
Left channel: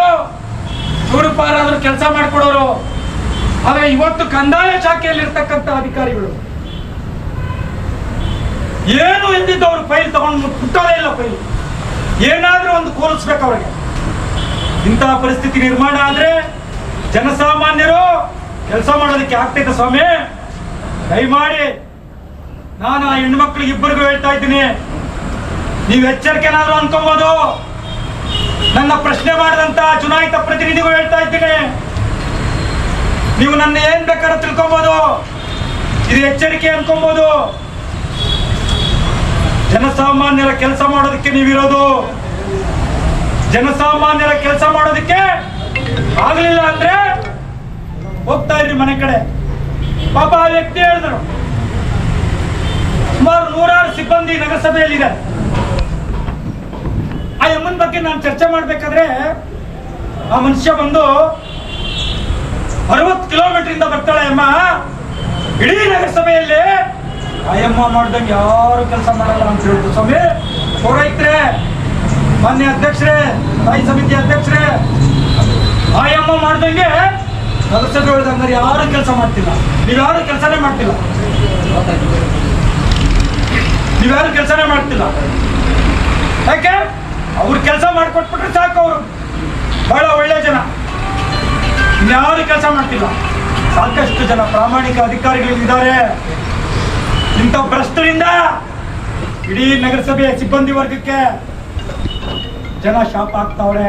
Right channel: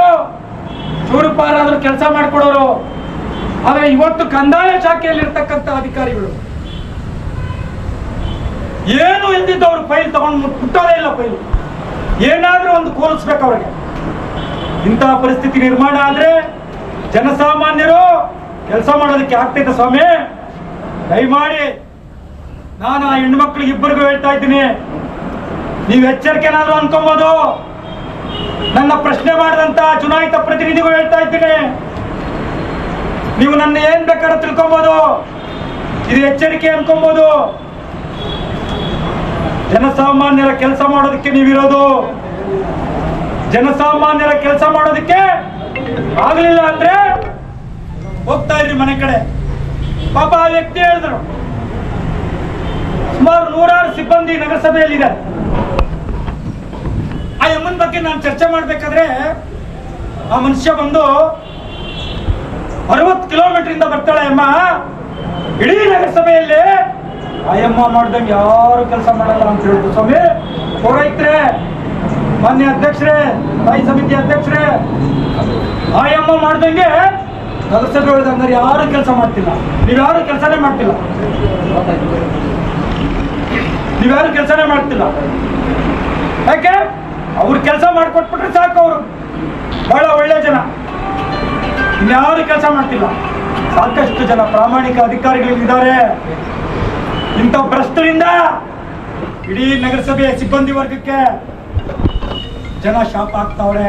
ಚೂರುಪಾರಾದ್ರೂ ಕೆಲಸ ಮಾಡಿಕೊಡೋರು. ಆದ್ರೆ ಇವತ್ತು ಕಂದಾಯ ಶಾಖೆಯಲ್ಲಿ ಇರ್ತಕ್ಕಂಥ ಅಧಿಕಾರಿಗಳು ಏನು ಎಂದಿದ್ದು ಅವ್ರು ಫೈಲ್ ತಗೊಂಡು ಮುಟ್ಟೋದೇ ಇಲ್ಲ. ಫೈಲ್ ಏನಾದ್ರೂ ಒಂದು ಕೋಲಿಸ್ಬೇಕು ಅವ್ರಿಗೆ. ಇಂತಹ ಪರಿಸ್ಥಿತಿ ನಿರ್ಮಾಣ ಆದ್ರೆ ಜನಸಾಮಾನ್ಯರು ಕೆಲಸ ಮಾಡೋದಕ್ಕೆ ಆಗ್ತೈತೆ ಸ್ವಾಮಿ. ದಯಮಾಡಿ ನಾನು ಆ ಹೆಣ್ಮಕ್ಳಿಗೆ ಇಬ್ಬರಿಗೂ ಹೇಳ್ತಾ ಇದ್ದೀನಿ, ನೀವು ಎಚ್ಚರಿಕೆನಾದ್ರೂ ಅನ್ಕೊಬೋದು. ನನ್ನ ಪ್ರಶ್ನೆ ಮಾಡಿದಂತ ಚುನಾಯಿತ ಪ್ರತಿನಿಧಿಗಳು ಹೇಳ್ತಾ ಇದ್ದೀನಿ, ನೀವು ನನ್ನ ಏನ್ ಬೇಕಾದ್ರೂ ತಿಳ್ಕೊಬೋದು, ಇದು ಎಚ್ಚರಿಕೆ ಅನ್ಕೊಬೋದು. ಜನಸಾಮಾನ್ಯರ ಕೆಲಸ ಮಾಡೋದಕ್ಕೆ ನೀವಿರೋದು. ಜನಸಾಮಾನ್ಯರ ಕೆಲಸ ಮಾಡೋದಕ್ಕೆ ಆಗ್ಲಿಲ್ಲ ಅಂದ್ರೆ ಹೋಗ್ತಾ ಇದ್ರಿ ಮನೆ ಕಡೆ. ಪಾಪ ಆ ವ್ಯಕ್ತಿ ಹೇಳಿದ್ರು, ಸುಮಾರು 100 ಸಿಬ್ಬಂದಿ ನಗರಸಭೆಯಲ್ಲಿದೆ. ಆ ಎಮ್ಮನ ಬಗ್ಗೆ ನಾನು ಚರ್ಚೆ ಮಾಡ್ಬೇಕಾದ್ರೆ ಆ ಮನುಷ್ಯ ಬಂದು 60 ಕಿಲೋಮೀಟರ್ ಇಂದ ಬರ್ತಾಳೆ ಅಮ್ಮ. ಇಡೀ ನಗರಸಭೆಯಲ್ಲಿ ಆ ಅಮ್ಮ ಮಾಡ್ದಂಗೆ ಯಾರು ಕೆಲಸ ಮಾಡಲ್ಲ ಅಂತ ಹೇಳಿದ್ರು. ಸ್ವಾಮಿ ಪೌರಾಯುಕ್ತರೇ, ಮಾನ್ಯ ಅಧ್ಯಕ್ಷರೇ, ಸ್ಥಾಯಿ ಸಮಿತಿ ಅಧ್ಯಕ್ಷರೇ, ಆ ಅಮ್ಮ ಮಾಡ್ದಂಗೆ ನಗರಸಭೆ ಹೇಳಿದಂಗಾರೆ ಯಾರು ಕೆಲಸ ಮಾಡ್ತಿಲ್ಲ. ನೀವ್ಯಾರು ಕೆಲಸನೇ ಮಾಡ್ತಿಲ್ಲ. ಯಾಕೆ? ಅವ್ರು ಕೆಲಸ ಮಾಡಿಕೊಟ್ಬಿಟ್ರೆ ಸಾಕು. ಅವರು ಬಹಳ ಒಳ್ಳೆ ಜನ, ಇನ್ಯಾರು ಕೆಲಸ ಮಾಡ್ತಿಲ್ಲ. ಸಾಕಷ್ಟು ಜನ ಪ್ರಾಮಾಣಿಕ ಅಧಿಕಾರಿಗಳಿದ್ದಾರೆ. ಇಂಥ ಭ್ರಷ್ಟರಿಂದ ಇಡೀ ನಗರಸಭೆಯ ಸಿಬ್ಬಂದಿ ವರ್ಗಕ್ಕೆ ಜನ ಶಾಪ ಆಗ್ತಾವ್ರೆ.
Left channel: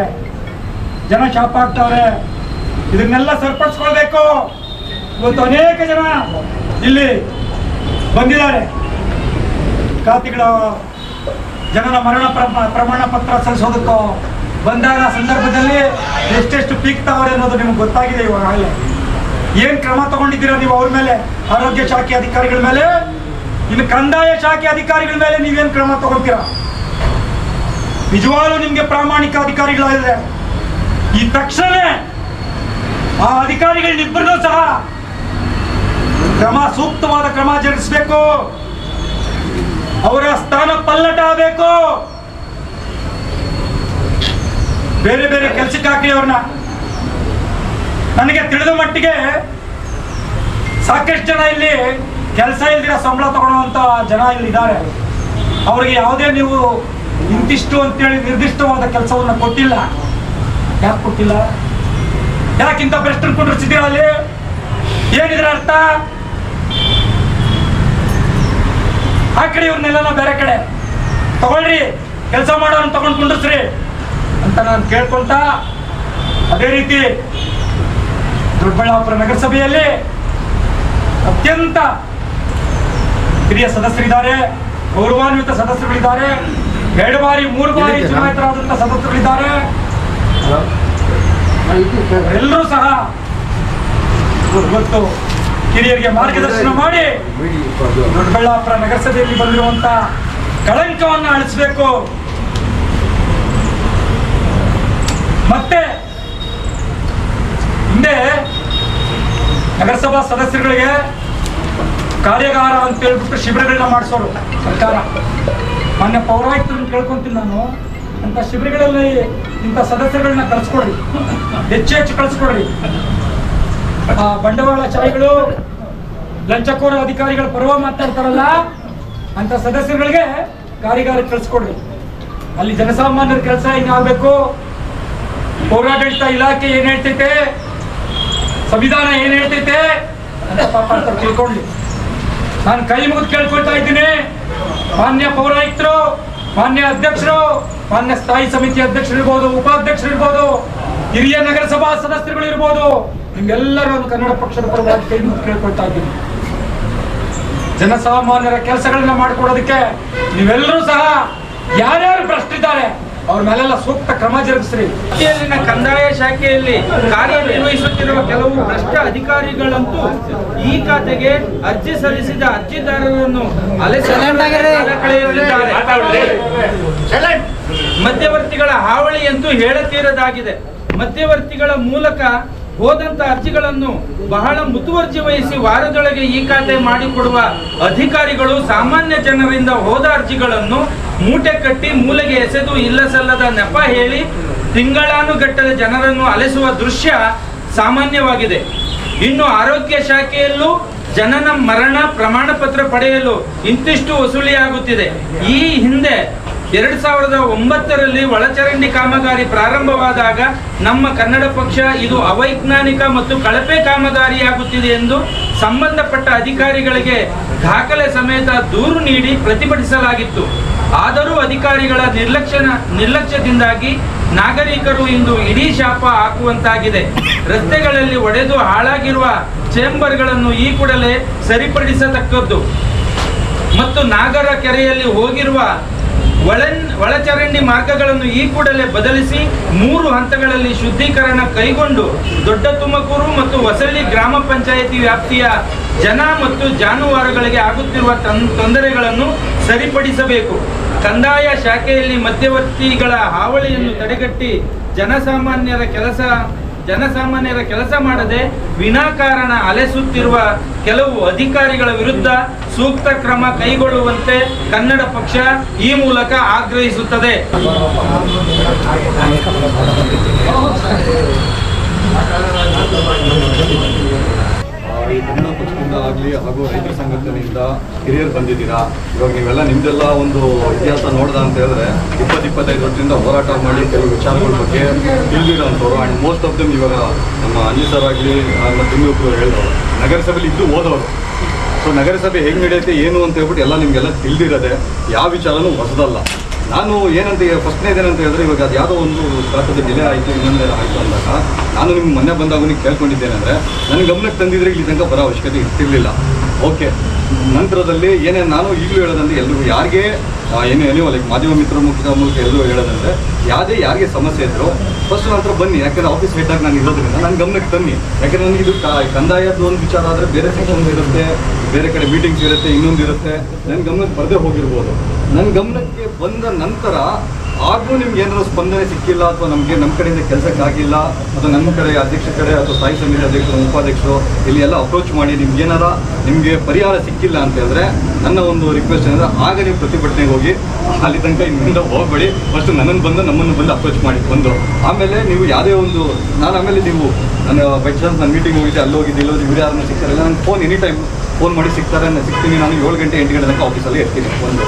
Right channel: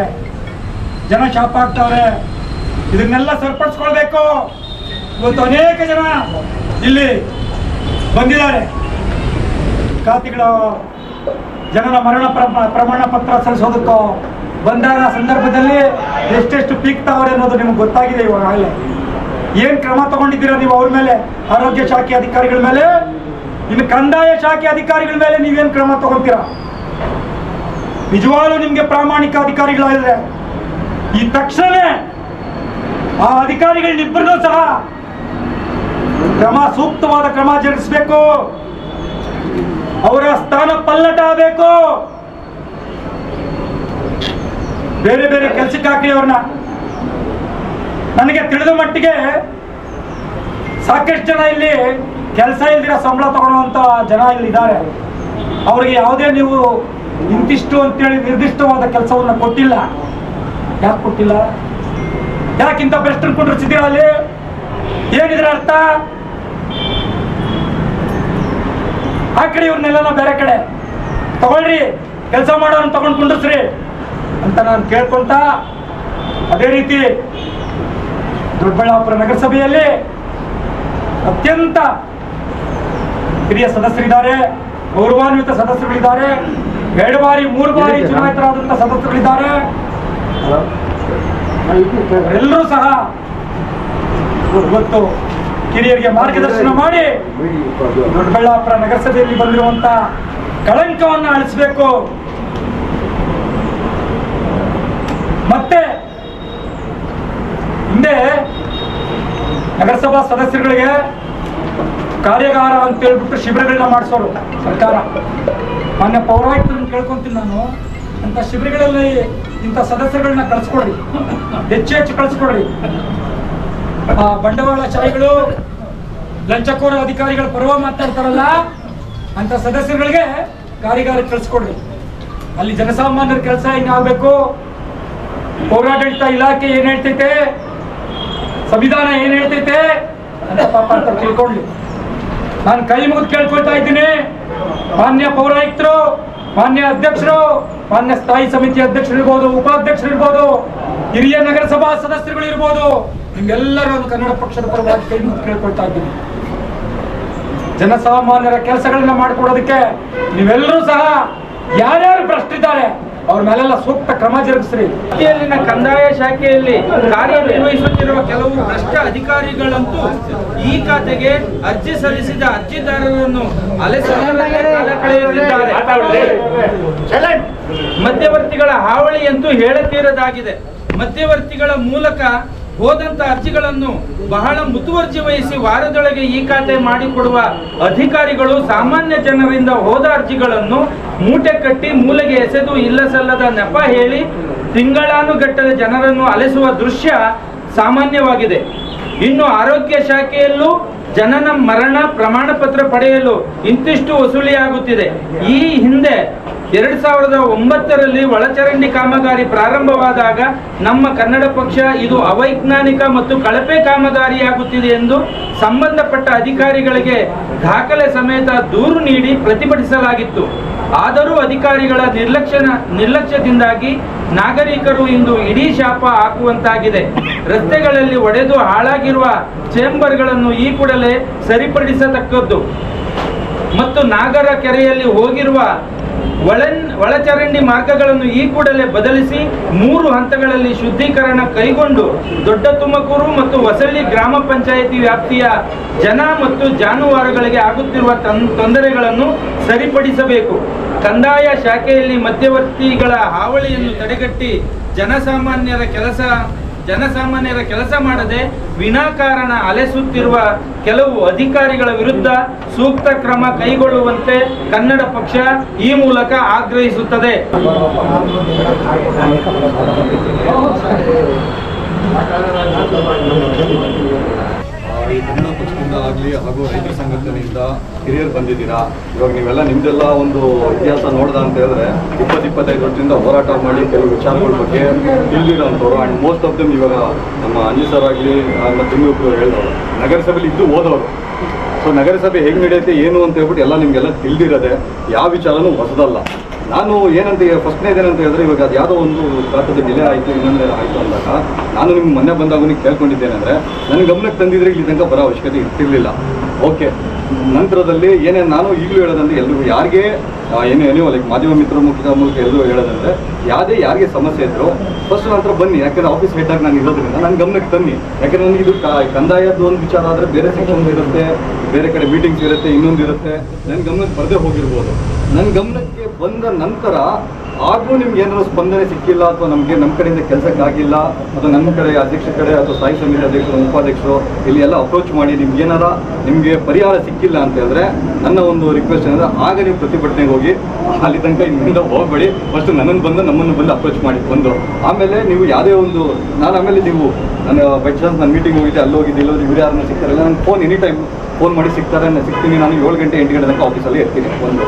ಇದನ್ನೆಲ್ಲ ಸರಿಪಡಿಸ್ಕೊಳ್ಬೇಕು. ಇವತ್ತು ಅನೇಕ ಜನ ಇಲ್ಲಿ ಬಂದಿದ್ದಾರೆ. ಖಾತೆಗಳ ಜನನ ಮರಣ ಪ್ರಮಾಣ ಪತ್ರ ಸಲ್ಲಿಸೋದಕ್ಕೋ ಬಂದಾಗ ಸಂದರ್ಭದಲ್ಲಿ ಎಷ್ಟೆಷ್ಟು ಪೀಕ್ತಾವ್ರೆ ಅನ್ನೋದು ನಿಮ್ಗೆ ಗೊತ್ತಾಗಿದೆ. ಇವಾಗಲೇ ಏನ್ ಕ್ರಮ ತಗೊಂಡಿದ್ದೀರಾ ನೀವು ಅವ್ರ ಮೇಲೆ? ಆರೋಗ್ಯ ಶಾಖೆ ಅಧಿಕಾರಿಗಳ ಮೇಲೆ, ಇನ್ನು ಕಂದಾಯ ಶಾಖೆ ಅಧಿಕಾರಿಗಳ ಮೇಲೆ ನೀವೇನ್ ಕ್ರಮ ತಗೊಳ್ತೀರಾ? ನಿಜವಾಗ್ಲೂ ನಿಮ್ಗೆ ಪ್ರಾಮಾಣಿಕ ಅಧಿಕಾರಿಗಳಾಗಿದ್ರೆ ಈ ತಕ್ಷಣ ಆ ಅಧಿಕಾರಿಗಳನ್ನಿಬ್ಬರನ್ನೂ ಸಹ ಸೂಕ್ತವಾದ ಕ್ರಮ ಜರುಗಿಸಬೇಕು. ಅವರ ಸ್ಥಾನ ಪಲ್ಲಟ ಆಗಬೇಕು. ಬೇರೆ ಬೇರೆ ಕೆಲಸಕ್ಕೆ ಹಾಕಿ ಅವ್ರನ್ನ. ನನಗೆ ತಿಳಿದ ಮಟ್ಟಿಗೆ ಸಾಕಷ್ಟು ಜನ ಇಲ್ಲಿ ಕೆಲಸ ಇಲ್ದಿರ ಸಂಬಳ ತಗೊಳ್ಳುವಂತ ಜನ ಇಲ್ಲಿ ಇದ್ದಾರೆ. ಅವ್ರಿಗೆ ಯಾವುದೇ ನೀವು ಇಂತಿಷ್ಟು ಅಂತೇಳಿ ನಿರ್ದಿಷ್ಟವಾದ ಕೆಲಸವನ್ನ ಕೊಟ್ಟಿಲ್ಲ. ಯಾಕೆ ಕೊಟ್ಟಿಲ್ಲ? ಯಾಕಿಂತ ಭ್ರಷ್ಟರು ಕುಂಡ್ರಿಸಿದ್ದೀರ ಅಲ್ಲಿ? ಏನಿದ್ರ ಅರ್ಥ? ಆ ಕಡೆ ಇವ್ರನ್ನೆಲ್ಲ ಬೇರೆ ಕಡೆ ತಗೊಳ್ರಿ, ಕೆಲಸ ಮಾಡೋನ್ ತಗೊಂಡು ಕುಂಡ್ರಿಸ್ರಿ ಅಂತ ನಾನು ಕೇಳ್ಕೊಂತ, ಅದೇ ರೀತಿ ದೊಡ್ಡಬಳ್ಳಾಪುರ ನಗರಸಭೆಯಲ್ಲಿ ಅತ್ಯಂತ ಹಿರಿಯ ಸದಸ್ಯರಿದ್ದಾರೆ, ಗೌರವಾನ್ವಿತ ಸದಸ್ಯರುಗಳಿದ್ದಾರೆ, 2 ಬಾರಿ 3 ಬಾರಿ ಚುನಾಯಿತರಾದಂತಹ ಸದಸ್ಯರುಗಳಿದ್ದಾರೆ. ಎಲ್ಲರೂ ಸಹ ಇವತ್ತು ಹಿರಿಯರಿಗೆ ಮಾರ್ಗದರ್ಶನ ಮಾಡಿ ದೊಡ್ಡಬಳ್ಳಾಪುರ ನಗರಸಭೆಯಲ್ಲಿ ಬಂದಿರುವಂತ ಕಳಂಕವನ್ನು ಅಳಿಸಬೇಕು. ಮತ್ತೆ ಹಿಂದೆ ನಗರಸಭಾ ಸದಸ್ಯರುಗಳಿಗೆ ಕಾರ್ಯಾಗಾರ ಅಂತ ಹೇಳ್ಬಿಟ್ಟು ಶಿಬಿರಗಳನ್ನ ಮಾಡಿಸೋರು ಸರ್ಕಾರ. ಮಾನ್ಯ ಪೌರಾಯುಕ್ತರನ್ನು ಕೇಳ್ಕೊಂತೀನಿ ನಾನು, ಅಂತ ಶಿಬಿರಗಳಲ್ಲಿ ಇಂಥ ಸದಸ್ಯರುಗಳನ್ನ ಕಳಿಸ್ಕೊಡ್ರಿ, ಹೆಚ್ಚು ಕಳಿಸ್ಕೊಡ್ರಿ. ಬಂಡವಾಳಶಾಹಿಗಳು, ಲಂಚಕೋರ ಅಧಿಕಾರಿಗಳ ಪರವ ಮಾತಾಡ್ತಾರಲ್ಲ ಅಂತ ಸದಸ್ಯರುಗಳಿಗೆ ಕಾರ್ಯಾಗಾರ ಕಳಿಸ್ಕೊಡ್ರಿ. ಅಲ್ಲಿ ಜನಸಾಮಾನ್ಯರ ಕೆಲಸ ಹಿಂಗಾಗಬೇಕು, ಪೌರಾಡಳಿತ ಇಲಾಖೆ ಏನ್ ಹೇಳ್ತೈತೆ, ಸಂವಿಧಾನ ಏನ್ ಹೇಳ್ತೈತೆ ಅಂತ ಪಾಪ ಅಂತ ತಿಳ್ಕೊಳ್ಳಿ. ನಾನು ಕೈ ಮುಗಿದು ಕೇಳ್ಕೊಳ್ತಾ ಇದ್ದೀನಿ, ಮಾನ್ಯ ಪೌರಾಯುಕ್ತರು, ಮಾನ್ಯ ಅಧ್ಯಕ್ಷರು, ಮಾನ್ಯ ಸ್ಥಾಯಿ ಸಮಿತಿ ಅಧ್ಯಕ್ಷರಿರ್ಬೋದು, ಉಪಾಧ್ಯಕ್ಷರಿರ್ಬೋದು, ಹಿರಿಯ ನಗರಸಭಾ ಸದಸ್ಯರುಗಳು ಇರ್ಬೋದು, ನಿಮ್ಗೆಲ್ಲರೂ ಒಂದು ಕನ್ನಡ ಪಕ್ಷದ ಪರವಾಗಿ ಕೈ ಮುಗಿದು ಕೇಳ್ಕೊಳ್ತಾ ಇದ್ದೀನಿ. ಜನಸಾಮಾನ್ಯರ ಕೆಲಸಗಳನ್ನ ಮಾಡಿಕೊಡೋದಕ್ಕೆ ನೀವೆಲ್ಲರೂ ಸಹ ಯಾರ್ಯಾರು ಭ್ರಷ್ಟಿದ್ದಾರೆ ಅವ್ರ ಮೇಲೆಲ್ಲ ಸೂಕ್ತ ಕ್ರಮ ಜರುಗಿಸ್ರಿ. ಇಲ್ಲಿನ ಕಂದಾಯ ಶಾಖೆಯಲ್ಲಿ ಕಾರ್ಯನಿರ್ವಹಿಸುತ್ತಿರುವ ಕೆಲವು ಭ್ರಷ್ಟ ಅಧಿಕಾರಿಗಳಂತೂ ಈ ಖಾತೆಗೆ ಅರ್ಜಿ ಸಲ್ಲಿಸಿದ ಅರ್ಜಿದಾರರನ್ನು ಕಳೆಯುತ್ತಿದ್ದಾರೆ. ಮಧ್ಯವರ್ತಿಗಳ ಹಾವಳಿಯಂತೂ ಹೇಳತೀರದಾಗಿದೆ. ಮಧ್ಯವರ್ತಿಗಳ ಮೂಲಕ ಹೋದಂತ ಅರ್ಜಿಗಳನ್ನು ಬಹಳ ಮುತುವರ್ಜಿ ವಹಿಸಿ ವಾರದೊಳಗೆ ಈ ಖಾತೆ ಮಾಡಿಕೊಡುವ ಅಧಿಕಾರಿಗಳು ಸಾಮಾನ್ಯ ಜನರಿಂದ ಹೋದ ಅರ್ಜಿಗಳನ್ನು ಮೂಟೆ ಕಟ್ಟಿ ಮೂಲೆಗೆ ಎಸೆದು ಇಲ್ಲಸಲ್ಲದ ನೆಪ ಹೇಳಿ ತಿಂಗಳಾನುಗಟ್ಟಲೆ ಜನರನ್ನು ಅಲೆಸುವ ದೃಶ್ಯ ಸಾಮಾನ್ಯವಾಗಿದೆ. ಇನ್ನು ಆರೋಗ್ಯ ಶಾಖೆಯಲ್ಲೂ ಜನನ ಮರಣ ಪ್ರಮಾಣ ಪತ್ರ ಪಡೆಯಲು ಇಂತಿಷ್ಟು ವಸೂಲಿಯಾಗುತ್ತಿದೆ. ಈ ಹಿಂದೆ 2009ರಲ್ಲಿ ಒಳಚರಂಡಿ ಕಾಮಗಾರಿ ಪ್ರಾರಂಭವಾದಾಗ ನಮ್ಮ ಕನ್ನಡ ಪಕ್ಷ ಇದು ಅವೈಜ್ಞಾನಿಕ ಮತ್ತು ಕಳಪೆ ಕಾಮಗಾರಿಯಾಗುತ್ತಿದೆ ಎಂದು ಸಂಬಂಧಪಟ್ಟ ಅಧಿಕಾರಿಗಳಿಗೆ ದಾಖಲೆ ಸಮೇತ ದೂರು ನೀಡಿ ಪ್ರತಿಭಟಿಸಲಾಗಿತ್ತು. ಆದರೂ ಅಧಿಕಾರಿಗಳ ನಿರ್ಲಕ್ಷ್ಯದಿಂದಾಗಿ ನಾಗರಿಕರು ಇಂದು ಇಡೀ ಶಾಪ ಹಾಕುವಂತಾಗಿದೆ. ರಸ್ತೆಗಳಲ್ಲಿ ಒಡೆದು ಹಾಳಾಗಿರುವ ಚೇಂಬರ್ಗಳನ್ನು ಈ ಕೂಡಲೇ ಸರಿಪಡಿಸತಕ್ಕದ್ದು ಮತ್ತು ನಾಗರ ಕೆರೆಯಲ್ಲಿ ಹೋಗಿರುವ ಒಳಚರಂಡಿ ಮಾರ್ಗಗಳನ್ನು ಈ ಕೂಡಲೇ ಬದಲಿಸಿ 3 ಹಂತಗಳಲ್ಲಿ ಶುದ್ಧೀಕರಣ ಕೈಗೊಂಡು ದೊಡ್ಡ ತುಮಕೂರು ಮತ್ತು ಹೊಸಳ್ಳಿ ಗ್ರಾಮ ಪಂಚಾಯಿತಿ ವ್ಯಾಪ್ತಿಯ ಜನ ಮತ್ತು ಜಾನುವಾರುಗಳಿಗೆ ಆಗುತ್ತಿರುವ ತೊಂದರೆಗಳನ್ನು ಸರಿಪಡಿಸಬೇಕು. ಕಂದಾಯ ಶಾಖೆಯಲ್ಲಿ ಮಧ್ಯವರ್ತಿಗಳ ಹಾವಳಿಯನ್ನು ತಡೆಗಟ್ಟಿ ಜನಸಾಮಾನ್ಯರ ಕೆಲಸ ಮಾಡದೆ ವಿನಾಕಾರಣ ಅಲೆಸುತ್ತಿರುವ ಕೆಲವು ಅಧಿಕಾರಿಗಳ ವಿರುದ್ಧ ಸೂಕ್ತ ಕ್ರಮ ಕೈಗೊಳ್ಳುವಂತೆ ಕನ್ನಡ ಪಕ್ಷ ಈ ಮೂಲಕ ಆಗ್ರಹಿಸುತ್ತದೆ. ಈ ಕನ್ನಡ ಪಕ್ಷದಿಂದ ಆಗಲಿ ಹಾಗೂ ರೈತರ ಸಂಘಟನೆಯಿಂದ ಹಿರಿಯರು ಬಂದಿದ್ದೀರಾ. ಇವಾಗ ನೀವೆಲ್ಲ ನಿಮ್ದೆಲ್ಲ ಒಂದು ಇತಿಹಾಸ ನೋಡ್ದ ಅಂತ ಹೇಳಿದ್ರೆ 20-25 ವರ್ಷದಿಂದ ಹೋರಾಟ ಮಾಡಿ ಕೆಲವು ವಿಚಾರಗಳ ಬಗ್ಗೆ ತಿಳಿದಿರೋಂಥವ್ರು. ಆ್ಯಂಡ್ ಮೋಸ್ಟ್ ಆಫ್ ದಮ್ ಇವಾಗ ನಮ್ಮ ಅಂಜಿ ಸರ್ ಆಗಲಿ ಮತ್ತು ಇನ್ನೊಬ್ರು ಹೇಳಿದವರು ನಗರಸಭೆಯಲ್ಲಿ ಇದ್ದು ಹೋದವರು. ಸೊ ನಗರಸಭೆ ಹೇಗೆ ನಡೆಯುತ್ತೆ ಏನು ಅಂತ ಹೇಳ್ಬಿಟ್ಟು ಎಲ್ಲ ನಿಮಗೆಲ್ಲ ತಿಳಿದಿರೋದೆ, ಯಾವ ವಿಚಾರನೂ ಹೊಸದಲ್ಲ. ನಾನು ಏನಂತ ಫಸ್ಟ್ನೇದೇನಂತ ಹೇಳಿದ್ರೆ, ಇವಾಗ ಅದು ಯಾವುದೋ ಒಂದು ಖಾತದ ಡಿಲೇ ಆಯಿತು ಇನ್ನೊಂದೇನೋ ಆಯಿತು ಅಂದಾಗ ನಾನು ನಿಮ್ಗೆ ಮೊನ್ನೆ ಬಂದಾಗ ನೀವು ಕೇಳ್ಕೊಂಡಿದ್ದೇನೆಂದರೆ ನನ್ನ ಗಮನಕ್ಕೆ ತಂದಿದ್ರೆ ಇಲ್ಲಿ ತನಕ ಬರೋ ಅವಶ್ಯಕತೆ ಇರ್ತಿರ್ಲಿಲ್ಲ. ಓಕೆ, ನಂತರದಲ್ಲಿ ಏನೇನು ನಾನು ಈಗಲೂ ಹೇಳೋದಂದ್ರೆ ಎಲ್ರಿಗೂ ಯಾರಿಗೆ ಏನೋ ಲೈಕ್ ಮಾಧ್ಯಮ ಮಿತ್ರ ಮೂಲಕ ಎಲ್ಲರೂ ಹೇಳೋದಂದರೆ ಯಾರಿಗೆ ಸಮಸ್ಯೆ ಇದ್ರು ಫಸ್ಟ್ ನಂತರ ಬನ್ನಿ. ಯಾಕಂದರೆ ಆಫೀಸ್ ಹೆಡ್ಡಾಗಿ ನಾನು ಇರೋದ್ರಿಂದ ನನ್ನ ಗಮನಕ್ಕೆ ತನ್ನಿ. ಯಾಕಂದರೆ ನನಗೆ ಇದು ಕಂದಾಯದ್ದು ಒಂದು ವಿಚಾರ ಆದರೆ ಬೇರೆ ಸೆಕ್ಷನ್ ಇರುತ್ತೆ, ಬೇರೆ ಕಡೆ ಮೀಟಿಂಗ್ಸ್ ಇರುತ್ತೆ, ಇನ್ನೊಂದು ಇರುತ್ತೆ. ನನ್ನ ಗಮನಕ್ಕೆ ಬರದೇ ಹೋಗಿರ್ಬೋದು. ನನ್ನ ಗಮನಕ್ಕೆ ಬಂದ ನಂತರ ಆಗೂ ನಿಮ್ಗೆ ಏನಾದರೂ ಸ್ಪಂದನೆ ಸಿಕ್ಕಿಲ್ಲ ಅಥವಾ ನಮ್ಮ ಕಡೆಯಿಂದ ಕೆಲಸಕ್ಕಾಗಿಲ್ಲ ಅಥವಾ ನಮ್ಮ ಕಡೆ ಅಧ್ಯಕ್ಷರ ಕಡೆ ಅಥವಾ ಸ್ಥಾಯಿ ಸಮಿತಿ ಅಧ್ಯಕ್ಷರು ಉಪಾಧ್ಯಕ್ಷರು ಇಲ್ಲಿ ಎಲ್ಲ ಅಪ್ರೋಚ್ ಮಾಡಿ ನಿಮಗೆ ಪರಿಹಾರ ಸಿಕ್ಕಿಲ್ಲ ಅಂತ ಹೇಳಿದ್ರೆ ನನ್ನ ಒಂದು ರಿಕ್ವೆಸ್ಟ್ ಏನಂದರೆ ಆಗ ನೀವು ಪ್ರತಿಭಟನೆಗೆ ಹೋಗಿ ಅಲ್ಲಿ ತನಕ ಇಲ್ಲಿಂದ ಹೋಗಬೇಡಿ. ಫಸ್ಟ್ ನಮ್ಮನ್ನು ಬಂದು ಅಪ್ರೋಚ್ ಮಾಡಿ ಬಂದು ಆಮೇಲೆ ನೀವು ಯಾವುದೇ ಒಂದು ಆಮೇಲೆ ನೀವು ನಾನು ಬೈ ಚಾನ್ಸ್ ನಾನು ಮೀಟಿಂಗ್ ಹೋಗಿದ್ದೆ, ಅಲ್ಲಿ ಹೋಗಿದ್ದೆ, ಇಲ್ಲೋದು ಇವ್ರು ಯಾರನ್ನ ಸಿಗ್ತಾರಲ್ಲ, ನನಗೆ ಫೋನ್ ಎನಿ ಟೈಮ್ ಫೋನ್ ಮಾಡಿ ಸಿಗ್ತಾರೆ, ನಾನು ಸಿಗ್ತೀನಿ. ನಾನು 7 ಗಂಟೆ 8 ಗಂಟೆ ತನಕ ಆಫೀಸಲ್ಲಿ ಇರ್ತೀನಿ. ಒಂದು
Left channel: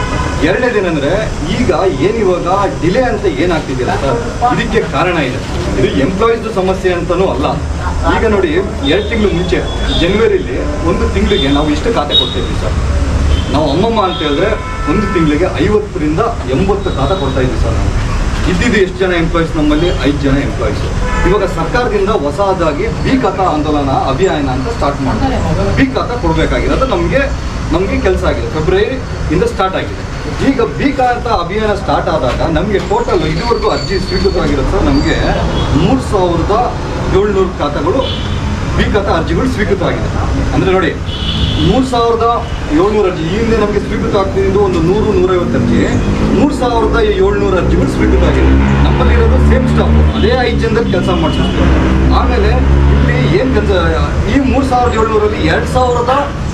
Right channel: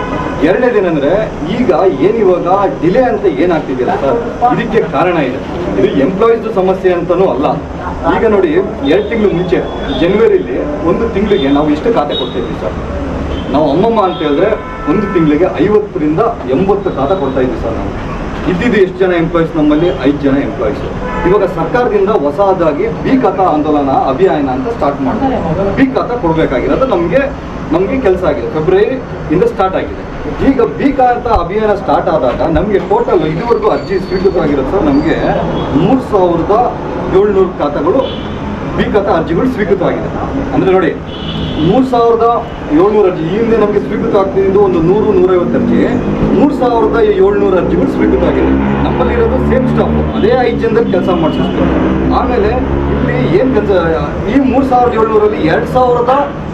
ಎರಡನೇದೇನೆಂದರೆ ಈಗ ಏನಿವಾಗ ಡಿಲೇ ಅಂತ ಏನಾಗ್ತಿದ್ದೀರಾ ಸರ್, ಇದಕ್ಕೆ ಕಾರಣ ಇದೆ. ಇದು ಎಂಪ್ಲಾಯೀಸ್ದು ಸಮಸ್ಯೆ ಅಂತಲೂ ಅಲ್ಲ. ಈಗ ನೋಡಿ 2 ತಿಂಗಳು ಮುಂಚೆ ಜನವರಿಲಿ 1 ತಿಂಗಳಿಗೆ ನಾವು ಇಷ್ಟು ಖಾತೆ ಕೊಡ್ತಾಯಿದ್ವಿ ಸರ್. ನಾವು ಅಮ್ಮಮ್ಮ ಅಂತ ಹೇಳಿದ್ರೆ 1 ತಿಂಗಳಿಗೆ 50ರಿಂದ 80 ಖಾತೆ ಕೊಡ್ತಾಯಿದ್ವಿ ಸರ್. ನಾವು ಇದ್ದಿದ್ದು ಎಷ್ಟು ಜನ ಎಂಪ್ಲಾಯೀಸ್ ನಮ್ಮಲ್ಲಿ? 5 ಜನ ಎಂಪ್ಲಾಯೀಸು. ಇವಾಗ ಸರ್ಕಾರದಿಂದ ಹೊಸದಾಗಿ ಬಿ ಖಾತಾ ಆಂದೋಲನ ಅಭಿಯಾನ ಅಂತ ಸ್ಟಾರ್ಟ್ ಮಾಡ್ತಾರೆ. ಬಿ ಖಾತಾ ಕೊಡಬೇಕಾಗಿರೋದು ನಮಗೆ ಕೆಲಸ ಆಗಿದೆ, ಫೆಬ್ರವರಿಯಿಂದ ಸ್ಟಾರ್ಟ್ ಆಗಿದೆ. ಈಗ ಬಿ ಖಾತಾ ಅಭಿಯಾನ ಸ್ಟಾರ್ಟ್ ಆದಾಗ ನಮಗೆ ಟೋಟಲ್ ಇದುವರೆಗೂ ಅರ್ಜಿ ಸ್ವೀಕೃತವಾಗಿರುತ್ತೆ. ನಮಗೆ 3700 ಖಾತೆಗಳು ಬಿ ಖಾತಾ ಅರ್ಜಿಗಳು ಸ್ವೀಕೃತವಾಗಿದೆ. ಅಂದರೆ ನೋಡಿ 3700 ಅರ್ಜಿ. ಈ ಹಿಂದೆ ನಮಗೆ ಸ್ವೀಕೃತ ಆಗ್ತಿದ್ದು ಒಂದು 100-150 ಅರ್ಜಿ, 3700 ಅರ್ಜಿಗಳು ಸ್ವೀಕೃತವಾಗಿದೆ. ನಮ್ಮಲ್ಲಿರೋದು ಸೇಮ್ ಸ್ಟಾಫ್, ಅದೇ 5 ಜನದಲ್ಲಿ ಕೆಲಸ ಮಾಡಿಸ್ತೀವಿ. ಆಮೇಲೆ ಇಲ್ಲಿ ಏನು ಕೆಲಸ, ಈ 3700ರಲ್ಲಿ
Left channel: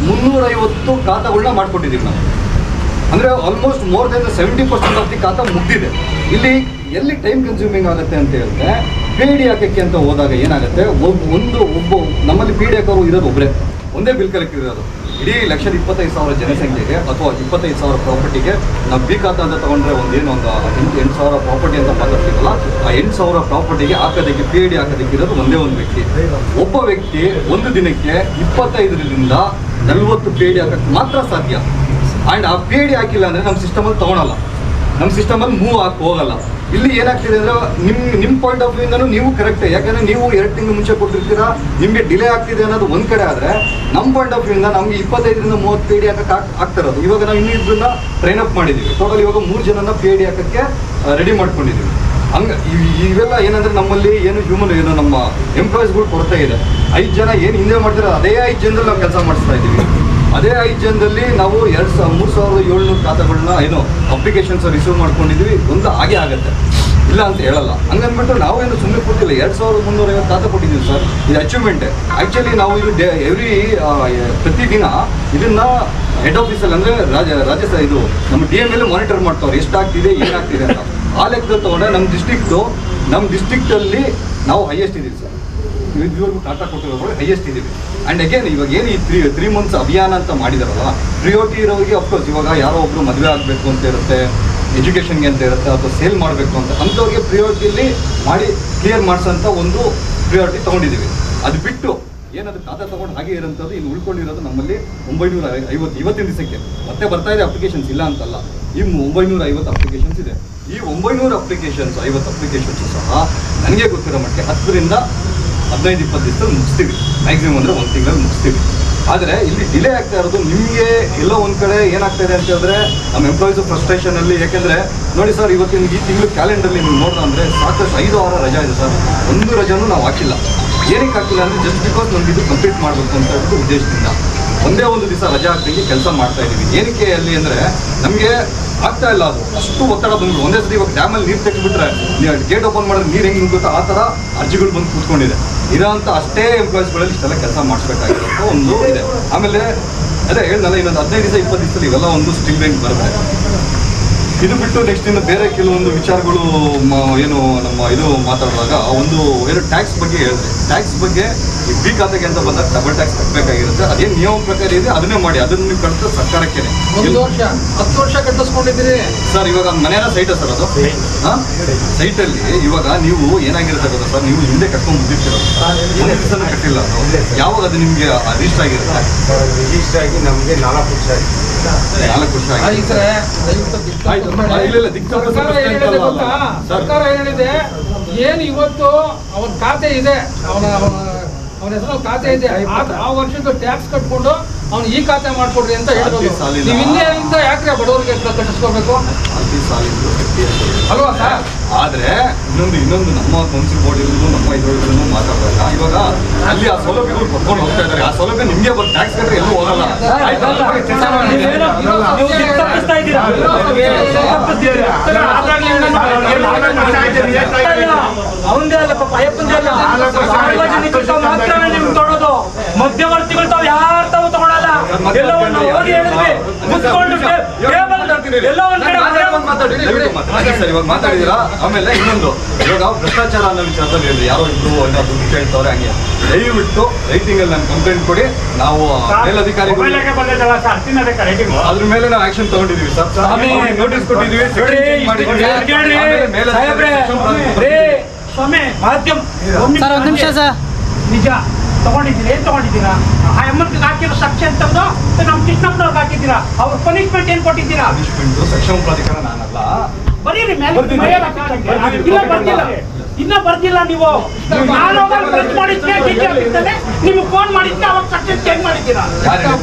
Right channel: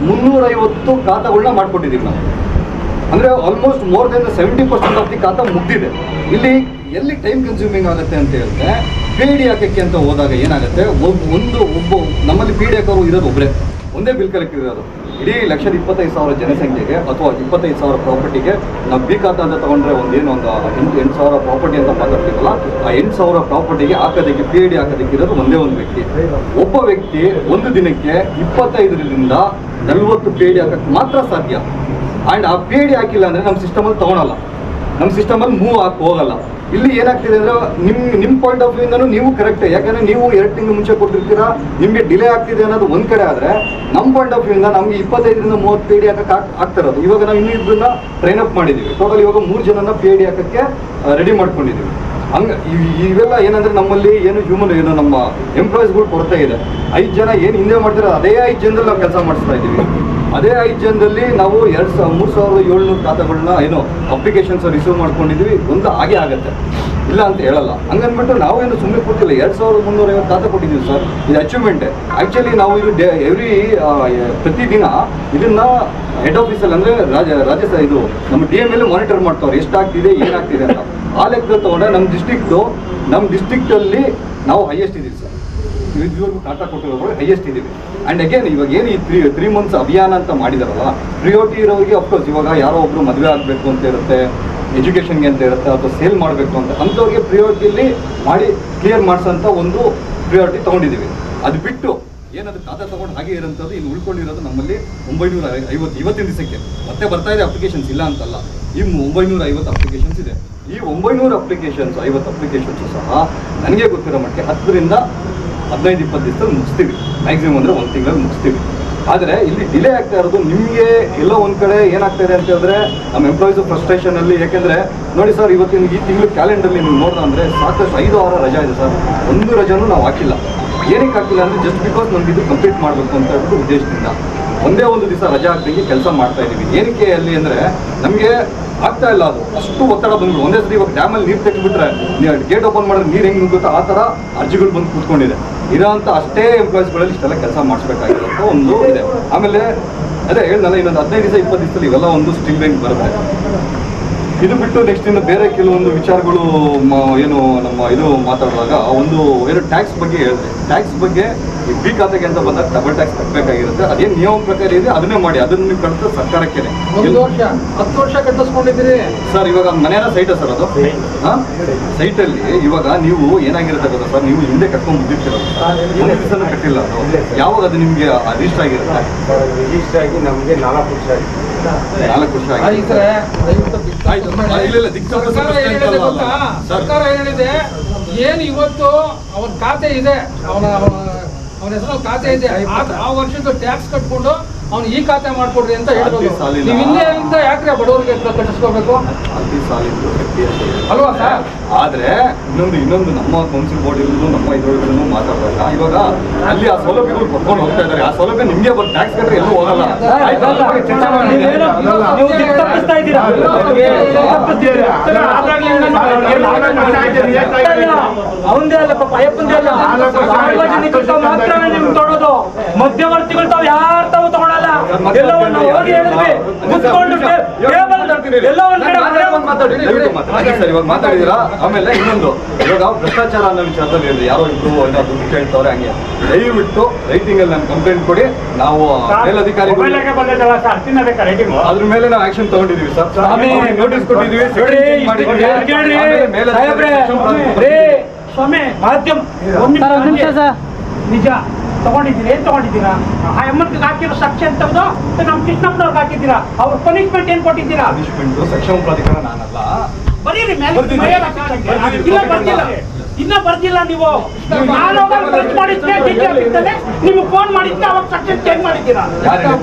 2350 ಖಾತಾಗಳನ್ನ ಮಾಡಿಕೊಟ್ಟಿದ್ದೀವಿ ನಾವು. ಅಂದರೆ almost more than 70% of the ಖಾತಾ ಮುಗ್ದಿದೆ. ಇಲ್ಲಿ ಎಲ್ಲಿ ಟೈಮ್ ಕನ್ಸ್ಯೂಮಿಂಗ್ ಆಗುತ್ತೆ ಅಂತ ಹೇಳಿದ್ರೆ, ಪಿ ಡಿ ಹಾಕಕ್ಕೆ ಅಂತ ಹೋದಾಗ ಏನಾಗುತ್ತೆ, ಒಬ್ಬ ನಮ್ಮಲ್ಲಿ ಪಿ ಡಿ ಹಾಕೋರು ಇರೋದು ಒಬ್ಬರೇ, ಒಂದೇ ಬಿಲ್ ಕಲೆಕ್ಟರ್ ಇರೋದು. ಇಡೀ 1,25,000 ಜನಸಂಖ್ಯೆಗೆ ಅಥವಾ 25,000 ಪ್ರಾಪರ್ಟಿಗೆ ನಾವು ಬಿ ಖಾತಾ ಅಂತ ತಗೊಂಡ್ರೆ ಒಂದು 8,000 ಪ್ರಾಪರ್ಟಿ ಅಂತ ಮಾತಾಡ್ತೀವಲ್ಲ, ಆ 8,000 ಪ್ರಾಪರ್ಟಿಗೆ ಹಾಕೋದಕ್ಕೆ PID ಹಾಕೋದಕ್ಕೆ ಇರೋದು ಒಂದೇ ಒಂದು ವ್ಯಕ್ತಿ. ಒಬ್ಬ ವ್ಯಕ್ತಿ ಒಂದು ದಿನಕ್ಕೆ 25ರಿಂದ 40 PID ಹಾಕಕ್ಕೆ ಮಾತ್ರ ಸಾಧ್ಯ. ಆ್ಯಂಡ್ ಆ PID ಹಾಕಿಲ್ಲ ಅಂದರೆ ನಮ್ಮ ಸಿಸ್ಟಮಲ್ಲಿ ತೊಗೊಳಲ್ಲ, ನಮ್ಮ ಸಿಸ್ಟಮಲ್ಲಿ ಮೂವ್ ಹಾಕಿ ಹೋಗಲ್ಲ. ಇಲ್ಲಿ ಏನಾಗ್ತಿದೆ ಅಂದರೆ ನಿಮ್ಮ ಪಾಯಿಂಟ್ ಆಫ್ ವ್ಯೂಯಿಂದನೂ ನೀವು ಕರೆಕ್ಟೇ, ಯಾಕಂದರೆ ನೀವು 2 ತಿಂಗಳು ಮುಂಚೆ ಕೊಟ್ಟಿರ್ತೀರಾ, ನಿಮಗೆ ಡಿಲೇ ಆಗ್ತಿದೆ ಅನ್ನೋದು ಒಂದು ಕಡೆ. ಆದರೆ ನಮ್ಮ ಪಾಯಿಂಟ್ ಆಫ್ ವ್ಯೂಯಿಂದ ನಮಗೆ 25ರಿಂದ 30 PID ಹಾಕಕ್ಕೆ ಆಗ್ತಿರೋದು. ಇವಾಗ ನಾವು ಇನ್ನೂ ಇಬ್ಬರನ್ನ ಟ್ರೈನ್ ಅಪ್ ಮಾಡಿದ್ದೀವಿ. ಟೋಟಲ್ ಇವಾಗ 3 ಜನನ PID ಹಾಕೋಕ್ಕೆ ರೆಡಿ ಮಾಡ್ಕೊಂಡಿದ್ದೀವಿ. ಹಂಗೆ ಇವೆಲ್ಲ ಏನಂದರೆ ನಮ್ಮಲ್ಲಿ ಏನು ನಮ್ಮ ಎಂಪ್ಲಾಯೀಸ್ಗಳು ಕೊರತೆ ಇದೆ. 5 ಜನ ಏನು ಹಿಂದೆ ಮಾಡ್ತಿರೋ ಅದೇ 5 ಜನದಲ್ಲಿ ನಾವು ಕೆಲಸ ಮಾಡಿಸ್ತಾ ಇದ್ದೀವಿ. ಅದೇ 5 ಜನದಲ್ಲಿ ನಾವು 3,700 ಖಾತೆಗಳನ್ನ ಅಪ್ಲಿಕೇಶನ್ಸ್ ರಿಸೀವ್ ಮಾಡ್ಕೊಂಡಿದ್ವಿ. ಒಂದು ಹಾಗೆ ಆಗುತ್ತೆ, ಇಲ್ಲ ಅಂತ ಹೇಳಲ್ಲ. ಹಂಗಂದ್ಬಿಟ್ಟು ನಾವೇನು ಸುಮ್ಮನೆ ಕೊಟ್ಟಿಲ್ಲ. 2,350 ಖಾತೆ ಕೊಟ್ಟಿದ್ದೀವಿ ಸರ್. ಇದು ಅಚೀವ್ಮೆಂಟೇ. ಆ್ಯಕ್ಚುಲಿ ನಾವು ಇದು ಪ್ರತಿದಿನ ಇದನ್ನು ಹೆಡ್ ಆಫೀಸಲ್ಲಿ ಅಂದರೆ ಇದು ನಮ್ಮ DM ಮೇಲೆ ಮಾನಿಟರ್ ಮಾಡ್ತಾವ್ರೆ, ಎಷ್ಟಾಗ್ತಿದೆ ಏನಾಗ್ತಿದೆ ಅಂತ. ಆ ಲೆಕ್ಕದಲ್ಲಿ ತೊಗೊಂಡ್ರೆ ನಮ್ಮ ಡಿಸ್ಟ್ರಿಕ್ಟಲ್ಲಿ ನಾವು ಹೈಯೆಸ್ಟ್ ಇದ್ದೀವಿ ಸರ್. ಇದುವರೆಗೂ ಖಾತಾ ಕೊಟ್ಟಿರೋದ್ರಲ್ಲಿ ಹೈಯೆಸ್ಟ್ ಇದ್ದೀವಿ. ಆ್ಯಂಡ್ ಅಗೇನ್ ಇವಾಗ ಏನು ಈ 3 ಮಂತ್ಸ್ ಅಭಿಯಾನ ಅಂತ ಮಾಡಿದಾರಲ್ಲ, ಪ್ರಿಯೋರಿಟಿ ಇರೋರಿಗೆ ಅಫ್ಕೋರ್ಸ್ ಇವಾಗ ಯಾರೋ ಒಬ್ಬರು ಮದುವೆ ಆಗಬೇಕು ಅಂತ ಇರುತ್ತೆ, ಎಜುಕೇಷನ್ಗೆ ಅಂತ ಇರುತ್ತೆ, ಅಥವಾ ಸೇಲ್ ಮಾಡಬೇಕು ಅಂತ ಅಂಥವ್ರಿಗೆ ಪ್ರಿಯೋರಿಟಿಯಲ್ಲಿ ಮಾಡಿ ಕ್ಲಿಯರ್ ಮಾಡಿಸೋಂಥ ಒಂದು ಪ್ರಿಯಾರಿಟಿ ತೊಗೊಂಡಿದ್ದೀವಿ. ಅದು ಬಿಟ್ಟು ಏನದು ಖಾತಾ ತೊಗೊಂಡು ಹಾಗೆ ಇರೋಂಥದ್ದು ಇಲ್ಲಿ ಉಳ್ಕೊಂಡಿರೋದು ನಮ್ಮಲ್ಲಿ 950 ಇವತ್ತಿನ ದಿವಸಕ್ಕೆ ಮತ್ತೆ ಬರ್ತಾ ಇದೆ ಅಪ್ಲಿಕೇಶನ್ಸ್, ಇಲ್ಲ ಅಂತಲ್ಲ. ಈ 950 ಅಪ್ಲಿಕೇಶನ್ಸ್ ಇದೆ. ಈ 900 ಅಪ್ಲಿಕೇಶನ್ಸ್ 50 ಅಪ್ಲಿಕೇಶನ್ಸು ಸಹ ನನಗೆ ಗೊತ್ತಿರೋ ಮಟ್ಟಿಗೆ 10ರಿಂದ 15-20 ದಿವಸದಲ್ಲಿ ಮುಗಿಸ್ತೀವಿ. ಮ್ಯಾಕ್ಸಿಮಮ್ ಅಂದರೆ 1 ತಿಂಗಳಲ್ಲಿ ಮುಗಿಸ್ತೀವಿ. ಆದರೆ ಇಲ್ಲಿ ಡಿಲೇ ಆಗ್ತಾ ಇರೋದು ನಿಮಗೆ ಎಲ್ಲೋ ಒಂದು ಕಡೆ ಏನಾಗ್ತಾ ಇದೆ ಅಂತ ಹೇಳಿದ್ರೆ ನಮ್ಮ ಎಂಪ್ಲಾಯೀಸು ಫ್ರಸ್ಟ್ರೇಷನಲ್ಲಿ. ಯಾಕೆಂದರೆ ನೋಡಿ ಸರ್, ಇವತ್ತಿನ ಈ ತಿಂಗಳು ಕ್ಯಾಲೆಂಡರ್ಲಿ ನೀವು ನೋಡ್ತಾ ಅಂದರೆ ಸಾಕಷ್ಟು 5-6 ರಜಾ ಇದೆ ಸರ್. ಒಂದು ರಜಾನೂ ನಾವು ಹಾಕಿಲ್ಲ. ಏನಕ್ಕೆ ಹಾಕಿಲ್ಲ ಅಂದರೆ ಜಸ್ಟ್ ಬಿಕಾಸ್ ನಮ್ಗೆ ಇದು ಕಂಪ್ಲೀಟ್ ಮಾಡಬೇಕು ಅಂತ ಹೇಳ್ಬಿಟ್ಟು ಉದ್ದೇಶದಿಂದ ಒಂದೇ ಒಂದು ದಿವಸ ರಜಾ ಹಾಕಿ ಕೆಲಸ ಮಾಡ್ತಾ ಇದ್ದೀವಿ. ಏನಕ್ಕೆ ಅಲ್ಲಿ ಅಂದರೆ ನಮಗೆ ಆಗ್ತಾ ಇಲ್ಲ, ಅದು ಅಷ್ಟು ಒತ್ತಡ ಬಂದ್ಬಿಟ್ಟು ಒಂದೇ ಸತಿ. ಇವಾಗ ಡ್ಯಾಮಲ್ಲಿ ನೀರು ತೆಗೆದುಬಿಟ್ರೆ ಗೇಟ್ ಓಪನ್ ಮಾಡಿದ್ರೆ ನೀರು ಹೆಂಗೆ ನುಗ್ಗುತ್ತೋ ಆ ಥರ ಅರ್ಜಿಗಳು ಬಂದು ಕೂತ್ಕೊಂಡಿದೆ. ಇರೋಂಥ ಅಷ್ಟೇ ಎಂಪ್ಲಾಯೀಸ್ಗಳಲ್ಲಿ ಇಷ್ಟೆಲ್ಲ ಕೆಲಸ ಮಾಡಿಸ್ಬೇಕಾಗಿರೋಂಥ ಒಂದು ಇದೆ. ಆಮೇಲೆ ಅದೇ ಹೇಳ್ದಲ್ಲ, ಇನ್ನೊಂದು 15 ದಿವಸ 20 ದಿವಸದಲ್ಲಿ ಇವೆಲ್ಲ ಒಂದು ಸ್ಟ್ರೀಮ್ ಲೈನ್ ಬರುತ್ತೆ. ಇದು ಬಿಟ್ಟು ನೆಕ್ಸ್ಟ್ ಇನ್ನು ಬೇರೆ ಕೆಲವೊಂದು ವಿಚಾರಗಳು ನಮ್ಮ ಮಾತಾಡುವಾಗ ಏನು ಟ್ಯಾಕ್ಸ್ ಬಗ್ಗೆ ಹೇಳಿದ್ರೆ, ಟ್ಯಾಕ್ಸ್ ಬಗ್ಗೆ ಈ ಬಿ ಖಾತೆಗೆ ಅಂತ ಬಂದಾಗ ಡಬಲ್ ಟ್ಯಾಕ್ಸ್ ಕಟ್ಟಬೇಕಾಗಿರುತ್ತೆ. ಅದೇನು ನಿಯಮ ಪ್ರಕಾರ ಇದೆ ಅದನ್ನೇ ಮಾಡಿ, ಅದನ್ನು ನೀವು ಕಟ್ಟಿದ್ರೆ ಸರ್ಕಾರಕ್ಕೆ 10 ವರ್ಷ ಕಟ್ಟಿಸ್ಕೊಂಡಿದ್ದೀರಿ ಸರ್. ಇವಾಗ ಮನೆಯ ಸೈಟ ಸರ್, ಅದು ಸೈಟಲ್ಲಿ ಇವಾಗ ನೀವು ಏನಾಗಿರುತ್ತೆ ಗೊತ್ತಾ ಸರ್, ನೀವು ಹಿಂದೆ ಕಟ್ಕೊಂಡು ಬಂದಿರ್ತೀರಲ್ಲ, ಒಂದು ದಿವಸ ಕಟ್ಟಿಲ್ಲ ಅದು. ಯಾವಾಗ ಅದು ನಿಮಗೆ ರಿಜಿಸ್ಟರ್ ಆಗಿರುತ್ತೆ? ರಿಜಿಸ್ಟರ್ ಆಗಿ ನಮಗೆ 4 ವರ್ಷ ಆಗಿದೆ. 4 ವರ್ಷ ಆಗಿದೆ. ಸರ್ಕಾರ ಹೇಳಿದೆ, ಏನು ಇವತ್ತು ಅವನ ಖಾತೆ ಇದೆ, ಅವನ ಹೆಸರು ಖಾತೆ ಇದೆ, ಆ ವರ್ಷದ ಟ್ಯಾಕ್ಸ್ ಕಟ್ಕೊಂಡು ಅವ್ನು ಈ ಖಾತೆ ಮಾಡ್ಕೊಡ್ರಿ ಅಂತ ಹೇಳ್ಬೋದು. ನೀವು ಇನ್ನೇ ಅಂತ ಯಾಕ್ರೆ ಬಡವರಿಗೆ ಕಟ್ಟಿಸ್ಕೋಬೇಕು ಅಲ್ವಾ ಸರ್? ಆದ್ರೆ ಇನ್ನೊಂದು ನಮ್ಮ ಕೌನ್ಸಿಲ್ ಬೋರ್ಡ್ ಇರೋದು ನಮ್ಮ ಇದರೊಳಗೂ ಮಾತಾಡುವಾಗ ಇವಾಗ ಅಲ್ಲಿ ಆ ಸೌಲಭ್ಯಗಳು ಕೊಟ್ಕೊಂಡು ಹೋಗ್ತಾ ಇದ್ದಾರೆ. ಆ ಸೌಲಭ್ಯ ನಿಮಗೆ ಬಂದು ಟ್ಯಾಕ್ಸ್ ಕಟ್ಟರೆ ಎಲ್ಲೂ ಹೋಗಲ್ಲ. ಮಧ್ಯವರ್ತಿಗಳು ತಾವು ಯಾರು ತಾವು ತಗೊಳಲ್ಲ. ಎಲ್ಲವನ್ನು ಹೋಗಿ ಹೇಳಿದ್ವಿ, ಇವಾಗ ಮಾತಾಡಿದಿರಾ. ಆಮೇಲೆ ಇನ್ನೊಂದು, ಇವಾಗ ಭ್ರಷ್ಟಾಚಾರ ಅನ್ನೋ ವಿಚಾರದಲ್ಲಿ ಹೇಳಿದ್ರೆ ಯಾರೋ ಇಬ್ರು ದುಡ್ಡು ಕೇಳ್ತವ್ರೆ, ಹಂಗೆ ದಯವಿಟ್ಟು ರೈಟಿಂಗ್ ಅಲ್ಲಿ ನಾನು ಕಂಪ್ಲೇಂಟ್ ಕೊಡಿ. ನಾವು ಮೇಲಧಿಕಾರಿಗಳು ಅದ್ರ ಮೇಲೆ ನಾವು ಆಕ್ಷನ್ ತಗೊಂಡಿದೀವಿ ಸರ್. ನೋಟಿಸ್ ಕೊಟ್ಟಿದೀವಿ, ಸ್ವಾಮಿ ಮಾಧ್ಯಮ ನಿಮಿಷ ಸರ್, ನಿಜ ತಗೊಂಡಿದ್ದೀರಾ? ಏನ್ ತಗೊಂಡಿದ್ದೀರಾ? ಆ ಎಮ್ಮನ್ಗೆ ಹಾಕಿರೋ ಸೆಕ್ಷನ್ ತೆಗೆದು ನಮ್ಮ ಕೃಷ್ಣಪ್ಪನವ್ರಿಗೆ ಹಾಕಿದ್ದೀರಾ? ಅವ್ರ ಪನಿಷ್ಮೆಂಟ್ ಏನ್ ಕೊಟ್ಟಿದ್ದೀರಾ? ಸಕ್ಷಮ ಪ್ರಾಧಿಕಾರ ನಾನಲ್ಲ, ಬರೀರಿ ಮೇಲೆ ಇನ್ನ ಬರ್ದಿಲ್ಲ. ನೀವು ನಿಮ್ಗೆ ಫೋನ್ ಮಾಡಿದ್ದೆ, ಅವಾಗ ಸೆಕ್ಷನ್ ಚೇಂಜ್ ಮಾಡಿದ್ದೀರಾ?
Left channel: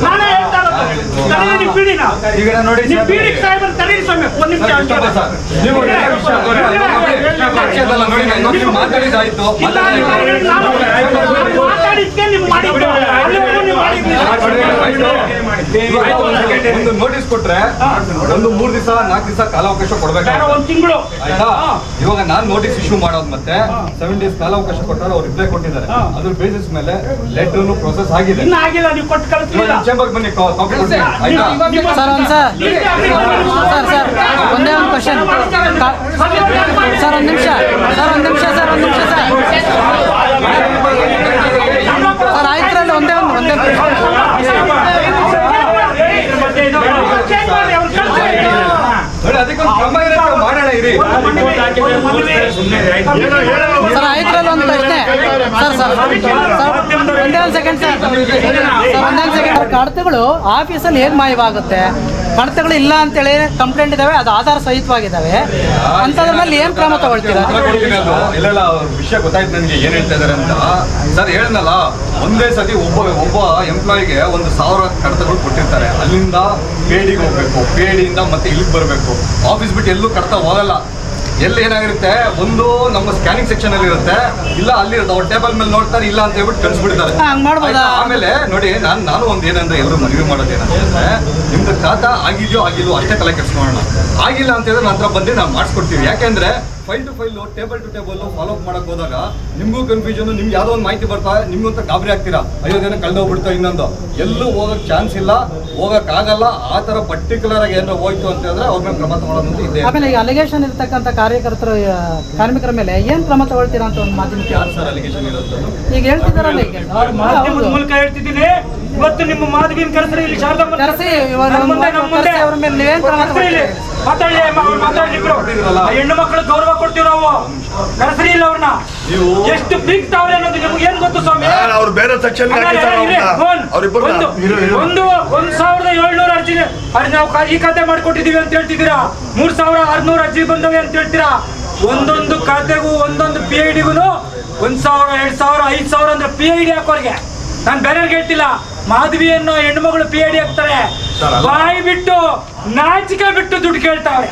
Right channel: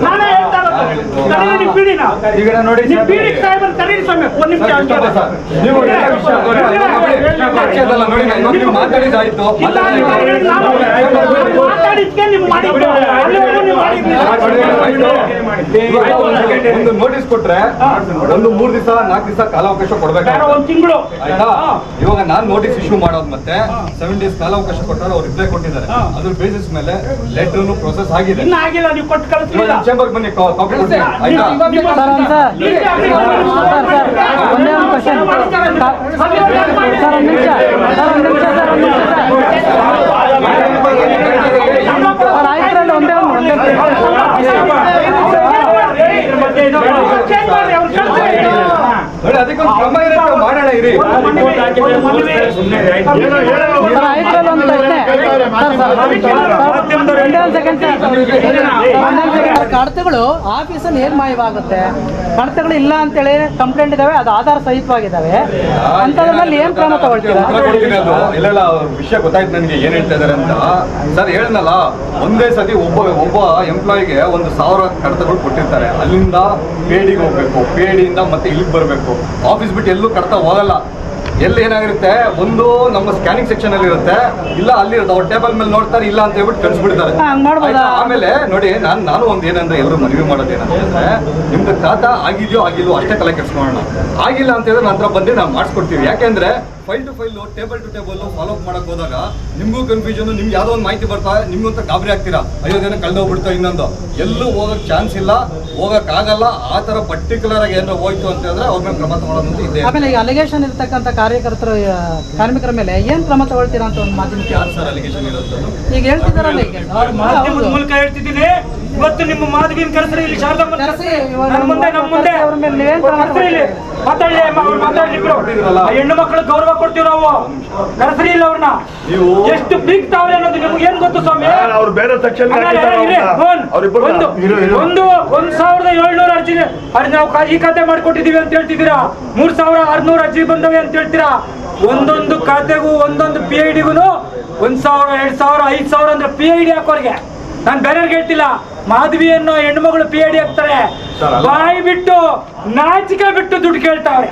ನಾನೇ ಹೇಳ್ತಾ ಇರೋದು ನಿಮ್ ಪೀಡಿನ ನಿಮ್ ಪೀಡಿ ಸಾಹೇಬ್ ತರೀರಿ ಸ್ವಾಮಿ. ಒಂದ್ ನಿಮಿಷ ಮಾತಾಡಿದಾಯ್ತು. ಮಾತಾಡಿದ್ಕೆ ನಿಮ್ ಮಾಡಿದ್ದು ಒಂದು ನೋಟಿಸ್ ಕೊಟ್ರೆ ಒಂದು 3 ದಿವಸ 4 ದಿವಸ ಕಾಲಾವಕಾಶ ಕೊಡ್ಬೇಕು. 1 ತಿಂಗಳು ಆಯ್ತಾ? ಇವಾಗ ನಾನ್ ನೋಟಿಸ್ ಇಶ್ಯೂ ಮಾಡೋದು ಮತ್ತೆ 7 ಡೇಸ್ ಕಾಲಾವಕಾಶ ಕೊಟ್ಟಾರೆ, ಅವ್ರು ರಿಪ್ಲೈ ಕೊಟ್ಟಿದ್ದಾರೆ. ಅದ್ರ ಬೇಸಿಸ್ ಮೇಲೆ ಲೆಟರ್ ಪ್ರೊಸೆಸ್ ಆಗಿದೆ. ಇನ್ನ ಆಗಿಲ್ಲ, ನೀವು ಕೊಟ್ಟು ಕಳಿಸ್ಲಿಲ್ಲ. ಚೇಂಬರ್ ಬನ್ನಿ, ಕಾಪಿ ಕೊಡ್ತೀನಿ. ಆಯ್ತಾ? ಒಂದೇ ಒಂದು ಕ್ವಶನ್ ಸರ್, ಒಂದು ನಿಮಿಷ ಸರ್, ಆಯ್ತು ಒಂದೇ ಅದಕ್ಕೊಂದು ಕ್ರಮ ಇರುತ್ತೆ, ಮಾಡೋಣ ಇರಿ. ಸರ್ ಆಯ್ತು ಒಂದು ಪ್ರಶ್ನೆ ಸರ್ ಕಡತಗಳು ಆಫೀಸಲ್ಲಿ ಹೇಗೆ ಮಾಯವಾಗುತ್ತೆ? ಕಡತಗಳು ಇಲ್ಲ ಅಂತೇಳಿ ಕಂಪ್ಲೇಂಟ್ ಇದಾವೆ, ಅದು ಆಧಾರ ಸಹಿತವಾಗಿದ್ದಾವೆ, ಅಂಥದ್ರಲ್ಲಿ ಏನು ಕ್ರಮ ತಗೊಳ್ತೀರಾ? ಇಲ್ಲ ವಿಷಯ ಗೊತ್ತಾಯ್ತು ನನಗೆ ಏನ್ ಹೇಳ್ತಾ ಇದಾರೆ ಅಂತ. ಸರ್ ಹೇಳಿದ್ನಲ್ಲ, ಒಂದೇ ಸತಿ ಒಬ್ಬ ಎಂಪ್ಲಾಯಿಗೆ 1,000 ಕಡತಗಳು ಕೊಟ್ಟಿರ್ತಾರೆ. ಅಲ್ಲಿಂದ ಪೇಡಿಗೆ ಹೋಗ್ಬೇಕು, ಪೇಡಿಯಿಂದ ಮತ್ತೆ ಇಲ್ಲಿಗೆ ಬರಬೇಕು. ಆಫೀಸ್ ಬಿಟ್ಟು ಎಲ್ಲೂ ಕಡತ ಹೋಗಲ್ಲ. ಎಲ್ಲಿ ಏನಾಗಿರುತ್ತೆ, ಒಂದು ನಮ್ಮ ಸ್ಕ್ಯಾನಿಂಗ್ ಸೆಕ್ಷನ್ ಅಲ್ಲಿ ಇರುತ್ತೆ, ಇಲ್ಲ ಅಲ್ಲಿ ಅವ್ರ ಟೇಬಲ್ ಮೇಲೆ ನೋಡ್ತಾರೆ, ಇಲ್ಲ ಅಂತ ಹೇಳ್ಬಿಟ್ಟು ಕಳಿಸ್ಬಿಡ್ತಾರೆ. ಆಮೇಲೆ ನೋಡಿ, ನಾನು ಒಂದು ಏನಂದ್ರೆ ಎಲ್ಲರೂ ಮನವಿ ಮಾಡೋದು ಏನಂತಂದ್ರೆ, ನಿಮ್ದು ಖಾತಾ ಆಗಿದೆಯೋ ಆಗಿಲ್ವೋ ಅಷ್ಟೇ ತಲೆ ಕೆಡಿಸ್ಕೊಳ್ಳೋಣ. ಆಗಿಲ್ಲ ಅಂತ ಹೇಳಿದ್ರೆ ನಂತರ ಬಂದು ನಾವು ಮಾಡಿಸ್ಕೊಡ್ತೀವಿ. ಯಾಕೆಂದ್ರೆ file to file, table to table follow up ಮಾಡಕ್ ಹೋದಾಗ ನಿಮ್ಗೂ ಕನ್ಫ್ಯೂಷನ್, ನಿಮ್ಗೆ ಯಾವುದೋ ಒಂದು ಮಾಹಿತಿ ಬರ್ತಾ, ನಿಮ್ಗೂ ಅಂತ ಗಾಬರಿ ಆಗ್ತೀರಾ, ಅಯ್ಯೋ ಏನೋ ಕಳೆದೋಗ್ಬಿಡ್ತಾ, ಇನ್ನೊಂದು ಎಲ್ಲೂ ಹೋಗಕ್ ಚಾನ್ಸ್ ಇಲ್ಲ, ಹೋಗಕ್ಕಾಗಲ್ಲ. ಆ ಥರ ಪರ್ಟಿಕ್ಯುಲರ್ ಆಗಿ ಏನಾರ ಹೋಯ್ತು ಅಂತ ಹೇಳಿದ್ರೆ ಅವ್ರ ಮೇಲೆ ಕ್ರಮ ತಗೊಳ್ಳೋದು ಇದೆ. ಆಮೇಲೆ ಈಗ ಅಲಿಗೇಷನ್ ಇರ್ತಕ್ಕಂಥ ಕಾರ್ಮಿಕರ ಮೇಲೆ ಏನು ಕ್ರಮ ತಗೊಳ್ತೀರಾ ಅಂತ ಒಂದು ಮಾಧ್ಯಮ ಯಾರು ಸರ್ ಅಲಿಗೇಷನ್ ಇರುತ್ತೆ? ಈಗ ಹೇಳ್ತಿದಾರಲ್ಲ, ಈಗ ಮಾಧ್ಯಮದ ಮೂಲಕ ಹೇಳ್ತಿದ್ದೀನಿ. ಇವತ್ತು ನಿಮ್ಮ ಮಾಧವಿನ ಕರೆಸ್ರಿ, ಇಲ್ಲಿ ಶಾರದಮ್ಮ ಕರೆಸಿ, ನಮ್ಮ ಮುಂದೆ ಅವ್ರ ಮೇಲೆ ನೀವೇನು ಕ್ರಮ ತಗೊಳ್ತೀರಾ? ಹೆಣ್ಣು ಮಕ್ಕಳು ಗೌರವ ಕೊಡ್ತೀವಿ ನಾವು. ಕರೆಸ್ರಿ ಇಲ್ಲ ಅವ್ರನ್ನ. ಎಷ್ಟು ಬೀಗ್ತಾವ್ರೆ ಅನ್ನೋದು ನಿಮ್ಗೆ ಏನ್ ಗೊತ್ತು ಸ್ವಾಮಿ? ಅವ್ರು ಬೇರೆ ಸೆಕ್ಷನ್ 1,700 ಅರ್ಜಿ ನಾವು ಈ ಖಾತೆ ಮಾಡ್ಕೊಟ್ಟಿದೀವಿ ಅಂತ ಹೇಳ್ತಿದ್ದೀರಾ. 3,600 ಅರ್ಜಿ ಬಂದವೆ ಅಂತ ಹೇಳ್ತೀರಾ. ಒಂದೊಂದು ಖಾತೆಗೂ ಒಂದೊಂದು PIDಗೂ 1,000, 2,000, 5,000 ಅಂದ್ರೆ PID ಹಾಕೋರ್ಗೆ. ನಾನು ಬೇರೆಯವ್ರಿಗೆ ಹೇಳ್ತಿಲ್ಲ. ಮಾಧವಿಯನ್ನು ಹೆಣ್ಮಗಳು PID ಹಾಕ್ತಾರೆ. ಬಾಯಿ ಬಿಟ್ಟು ನಾಚಿಕೆ ಬಿಟ್ಟು ದುಡ್ಡು ಕೇಳ್ತಾವ್ರೆ.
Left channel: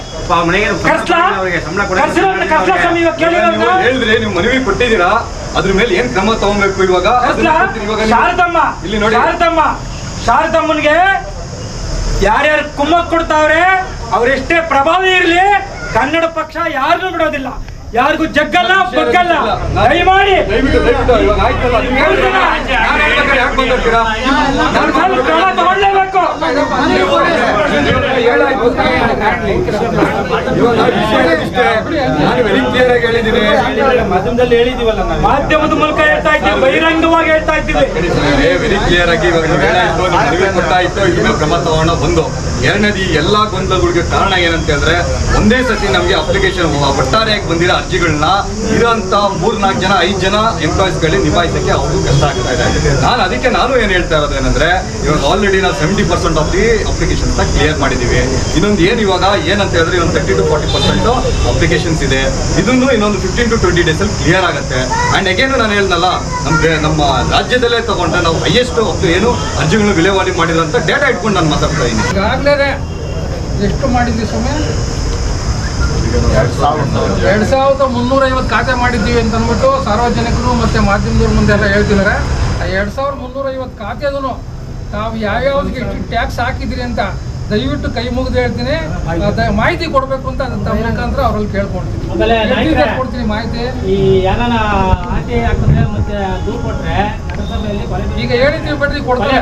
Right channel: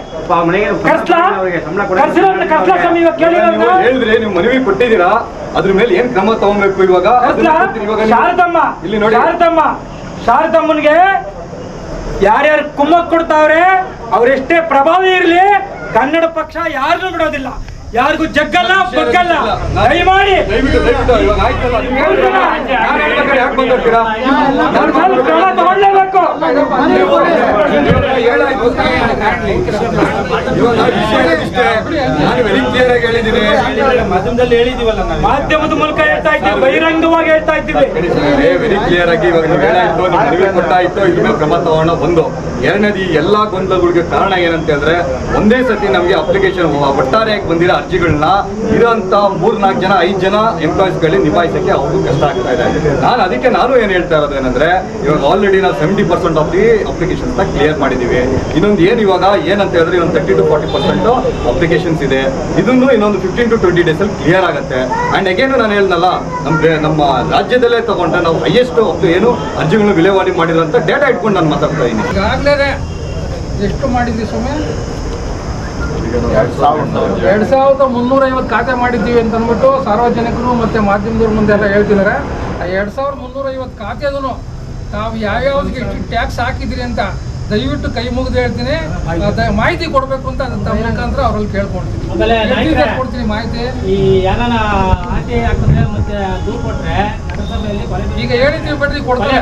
ಹೇಳಿದ್ರೆ ನೀವು ಮನವಿ ಕೊಟ್ಟಿದ್ದೀರಾ, ಅದ್ರ ಮೇಲೆ ಏನ್ ಕ್ರಮ ತಗೊಬೇಕು ಇವಾಗ? ಶಾರದಮ್ಮನ್ಗೆ ಯಾರ್ಯಾರು ಕುಮ್ಮಕ್ ಕೊಡ್ತಾವ್ರೆ, ಅವ್ರೆಷ್ಟೇ ಪ್ರಭಾವಿ ಇರ್ಲಿ, ಕನ್ನಡ ಪಕ್ಷ ಯಾರನ್ನೂ ಬಿಡೋದಿಲ್ಲ, ಯಾರಿಗೂ ಜಗ್ಗಲ್ಲ ಬಗ್ಗಲ್ಲ. ದಯಮಾಡಿ ತಗೊಳ್ಳೇಬೇಕು. ಮಾಧ್ಯಮದ ಮೂಲಕ ಹೇಳ್ತಾ ಇದ್ದೀವಿ, ಬಹಿರಂಗವಾಗಿ ಹೇಳ್ತಾ ಇದ್ದೀವಿ. ವೆರಿ ಕ್ಲಿಯರ್ ಆಗಿ ಇವಾಗ ನೀವು ಹೇಳಾಯ್ತು, ಮನವಿ ಕೊಟ್ಟಾಯ್ತು, ಇದ್ರ ಮೇಲೆ ಕ್ರಮ ತಗೋಣ. ಒಂದು ಎರಡನೇದು, ಈ ಎಲ್ಲಾ ಗೊಂದಲಗಳಿಗೆ ಕಾರಣ ಏನಂತ ಹೇಳಿದ್ರೆ, ಒಂದೇ ಸತಿ ನಮಗೆ ಅಪ್ಲಿಕೇಶನ್ ಒಟ್ಟಾರೆಯಾಗಿ ಬಂದಿರೋ ಅರ್ಜಿಗಳನ್ನ ಇರೋಂಥ 3-4 ಜನ 5 ಜನ ಎಂಪ್ಲಾಯೀಸ್ಗಳಿಗೆ ನಿಭಾಯಿಸಕ್ಕೆ ಅವ್ರಿಗೂ ಕಷ್ಟ ಆಗ್ತಾ ಇದೆ. ನಾನು ಏನು ಹೇಳ್ತಾ ಇರೋದು ಏನಂದ್ರೆ, ಇವಾಗ ಆಲ್ರೆಡಿ ನಾವು 70% ಆಫ್ ದಿ ಅಪ್ಲಿಕೇಶನ್ಸ್ ಕ್ಲಿಯರ್ ಮಾಡಿದೀವಿ. ಇನ್ನೊಂದು ಏನು ಇವಾಗ ಏನಂತ ಹೇಳಿದ್ರೆ, ಇನ್ನೊಂದು 30 to 40% ಅಪ್ಲಿಕೇಶನ್ಸ್ ಇದೆ. ಇದನ್ನು ಇನ್ನೊಂದು 15 to 20 days ಅಲ್ಲಿ ಕ್ಲಿಯರ್ ಆಗುತ್ತೆ. ಅಂಡ್ ಅಗೇನು ನಾನು ಹೇಳ್ದಲ್ಲ, ನಮ್ಮ ರಾಜ್ಯದಲ್ಲೇ ತಗೊಂಡ್ರೆ ನಾವು ಹೈಯೆಸ್ಟ್ ಏನು ಅರ್ಜಿಗಳನ್ನು ವಿಲೇವಾರಿ ಮಾಡಿದ್ರಂತ ಡೇಟಾ ಇಟ್ಕೊಂಡು ನಾನು ಮಾತಾಡ್ತಾ ಇದ್ದೀನಿ. ಈಗಾಗಲೇ ಎಷ್ಟು ಮಾಡಿದ್ವಿ ಸ್ವಾಮಿ? 2,350 ಖಾತೆ ಮಾಡಿದ್ದೀವಿ ಅಂತ ಅಂದ್ಬಿಟ್ಟು ಸಾರ್ವಜನಿಕರು ಮತ್ತು ಮಾಧ್ಯಮದವ್ರ ಮುಂದೆ ಎಲ್ಲ ಹೇಳ್ತಿದ್ದಾರೆ. ಆ 2,350 ಖಾತೆದೂ ತಾವು ಯಾವ್ಯಾವ್ದಕ್ಕೆ ಎಷ್ಟು ಟ್ಯಾಕ್ಸ್ ಹಾಕಿದ್ದೀರಿ ಅಂತ ದಯವಿಟ್ಟು ಕೈ ಮುಗಿದು ಹೇಳ್ತೀನಿ, ಮಾಹಿತಿ ಕೊಡಬೇಕು ಅಂತ ತಮ್ಮ ಮುಖಾಂತರ ಅವ್ರಲ್ಲಿ ಕೇಳ್ಕೊಳ್ತೀನಿ. ಕೊಡ್ತೀನಿ ಮಾಹಿತಿ. ಈಗ ಹೇಳಿದ್ದೀವಿ ಬಿಡ್ರಿ, ಕೊಡ್ತಾರೆ.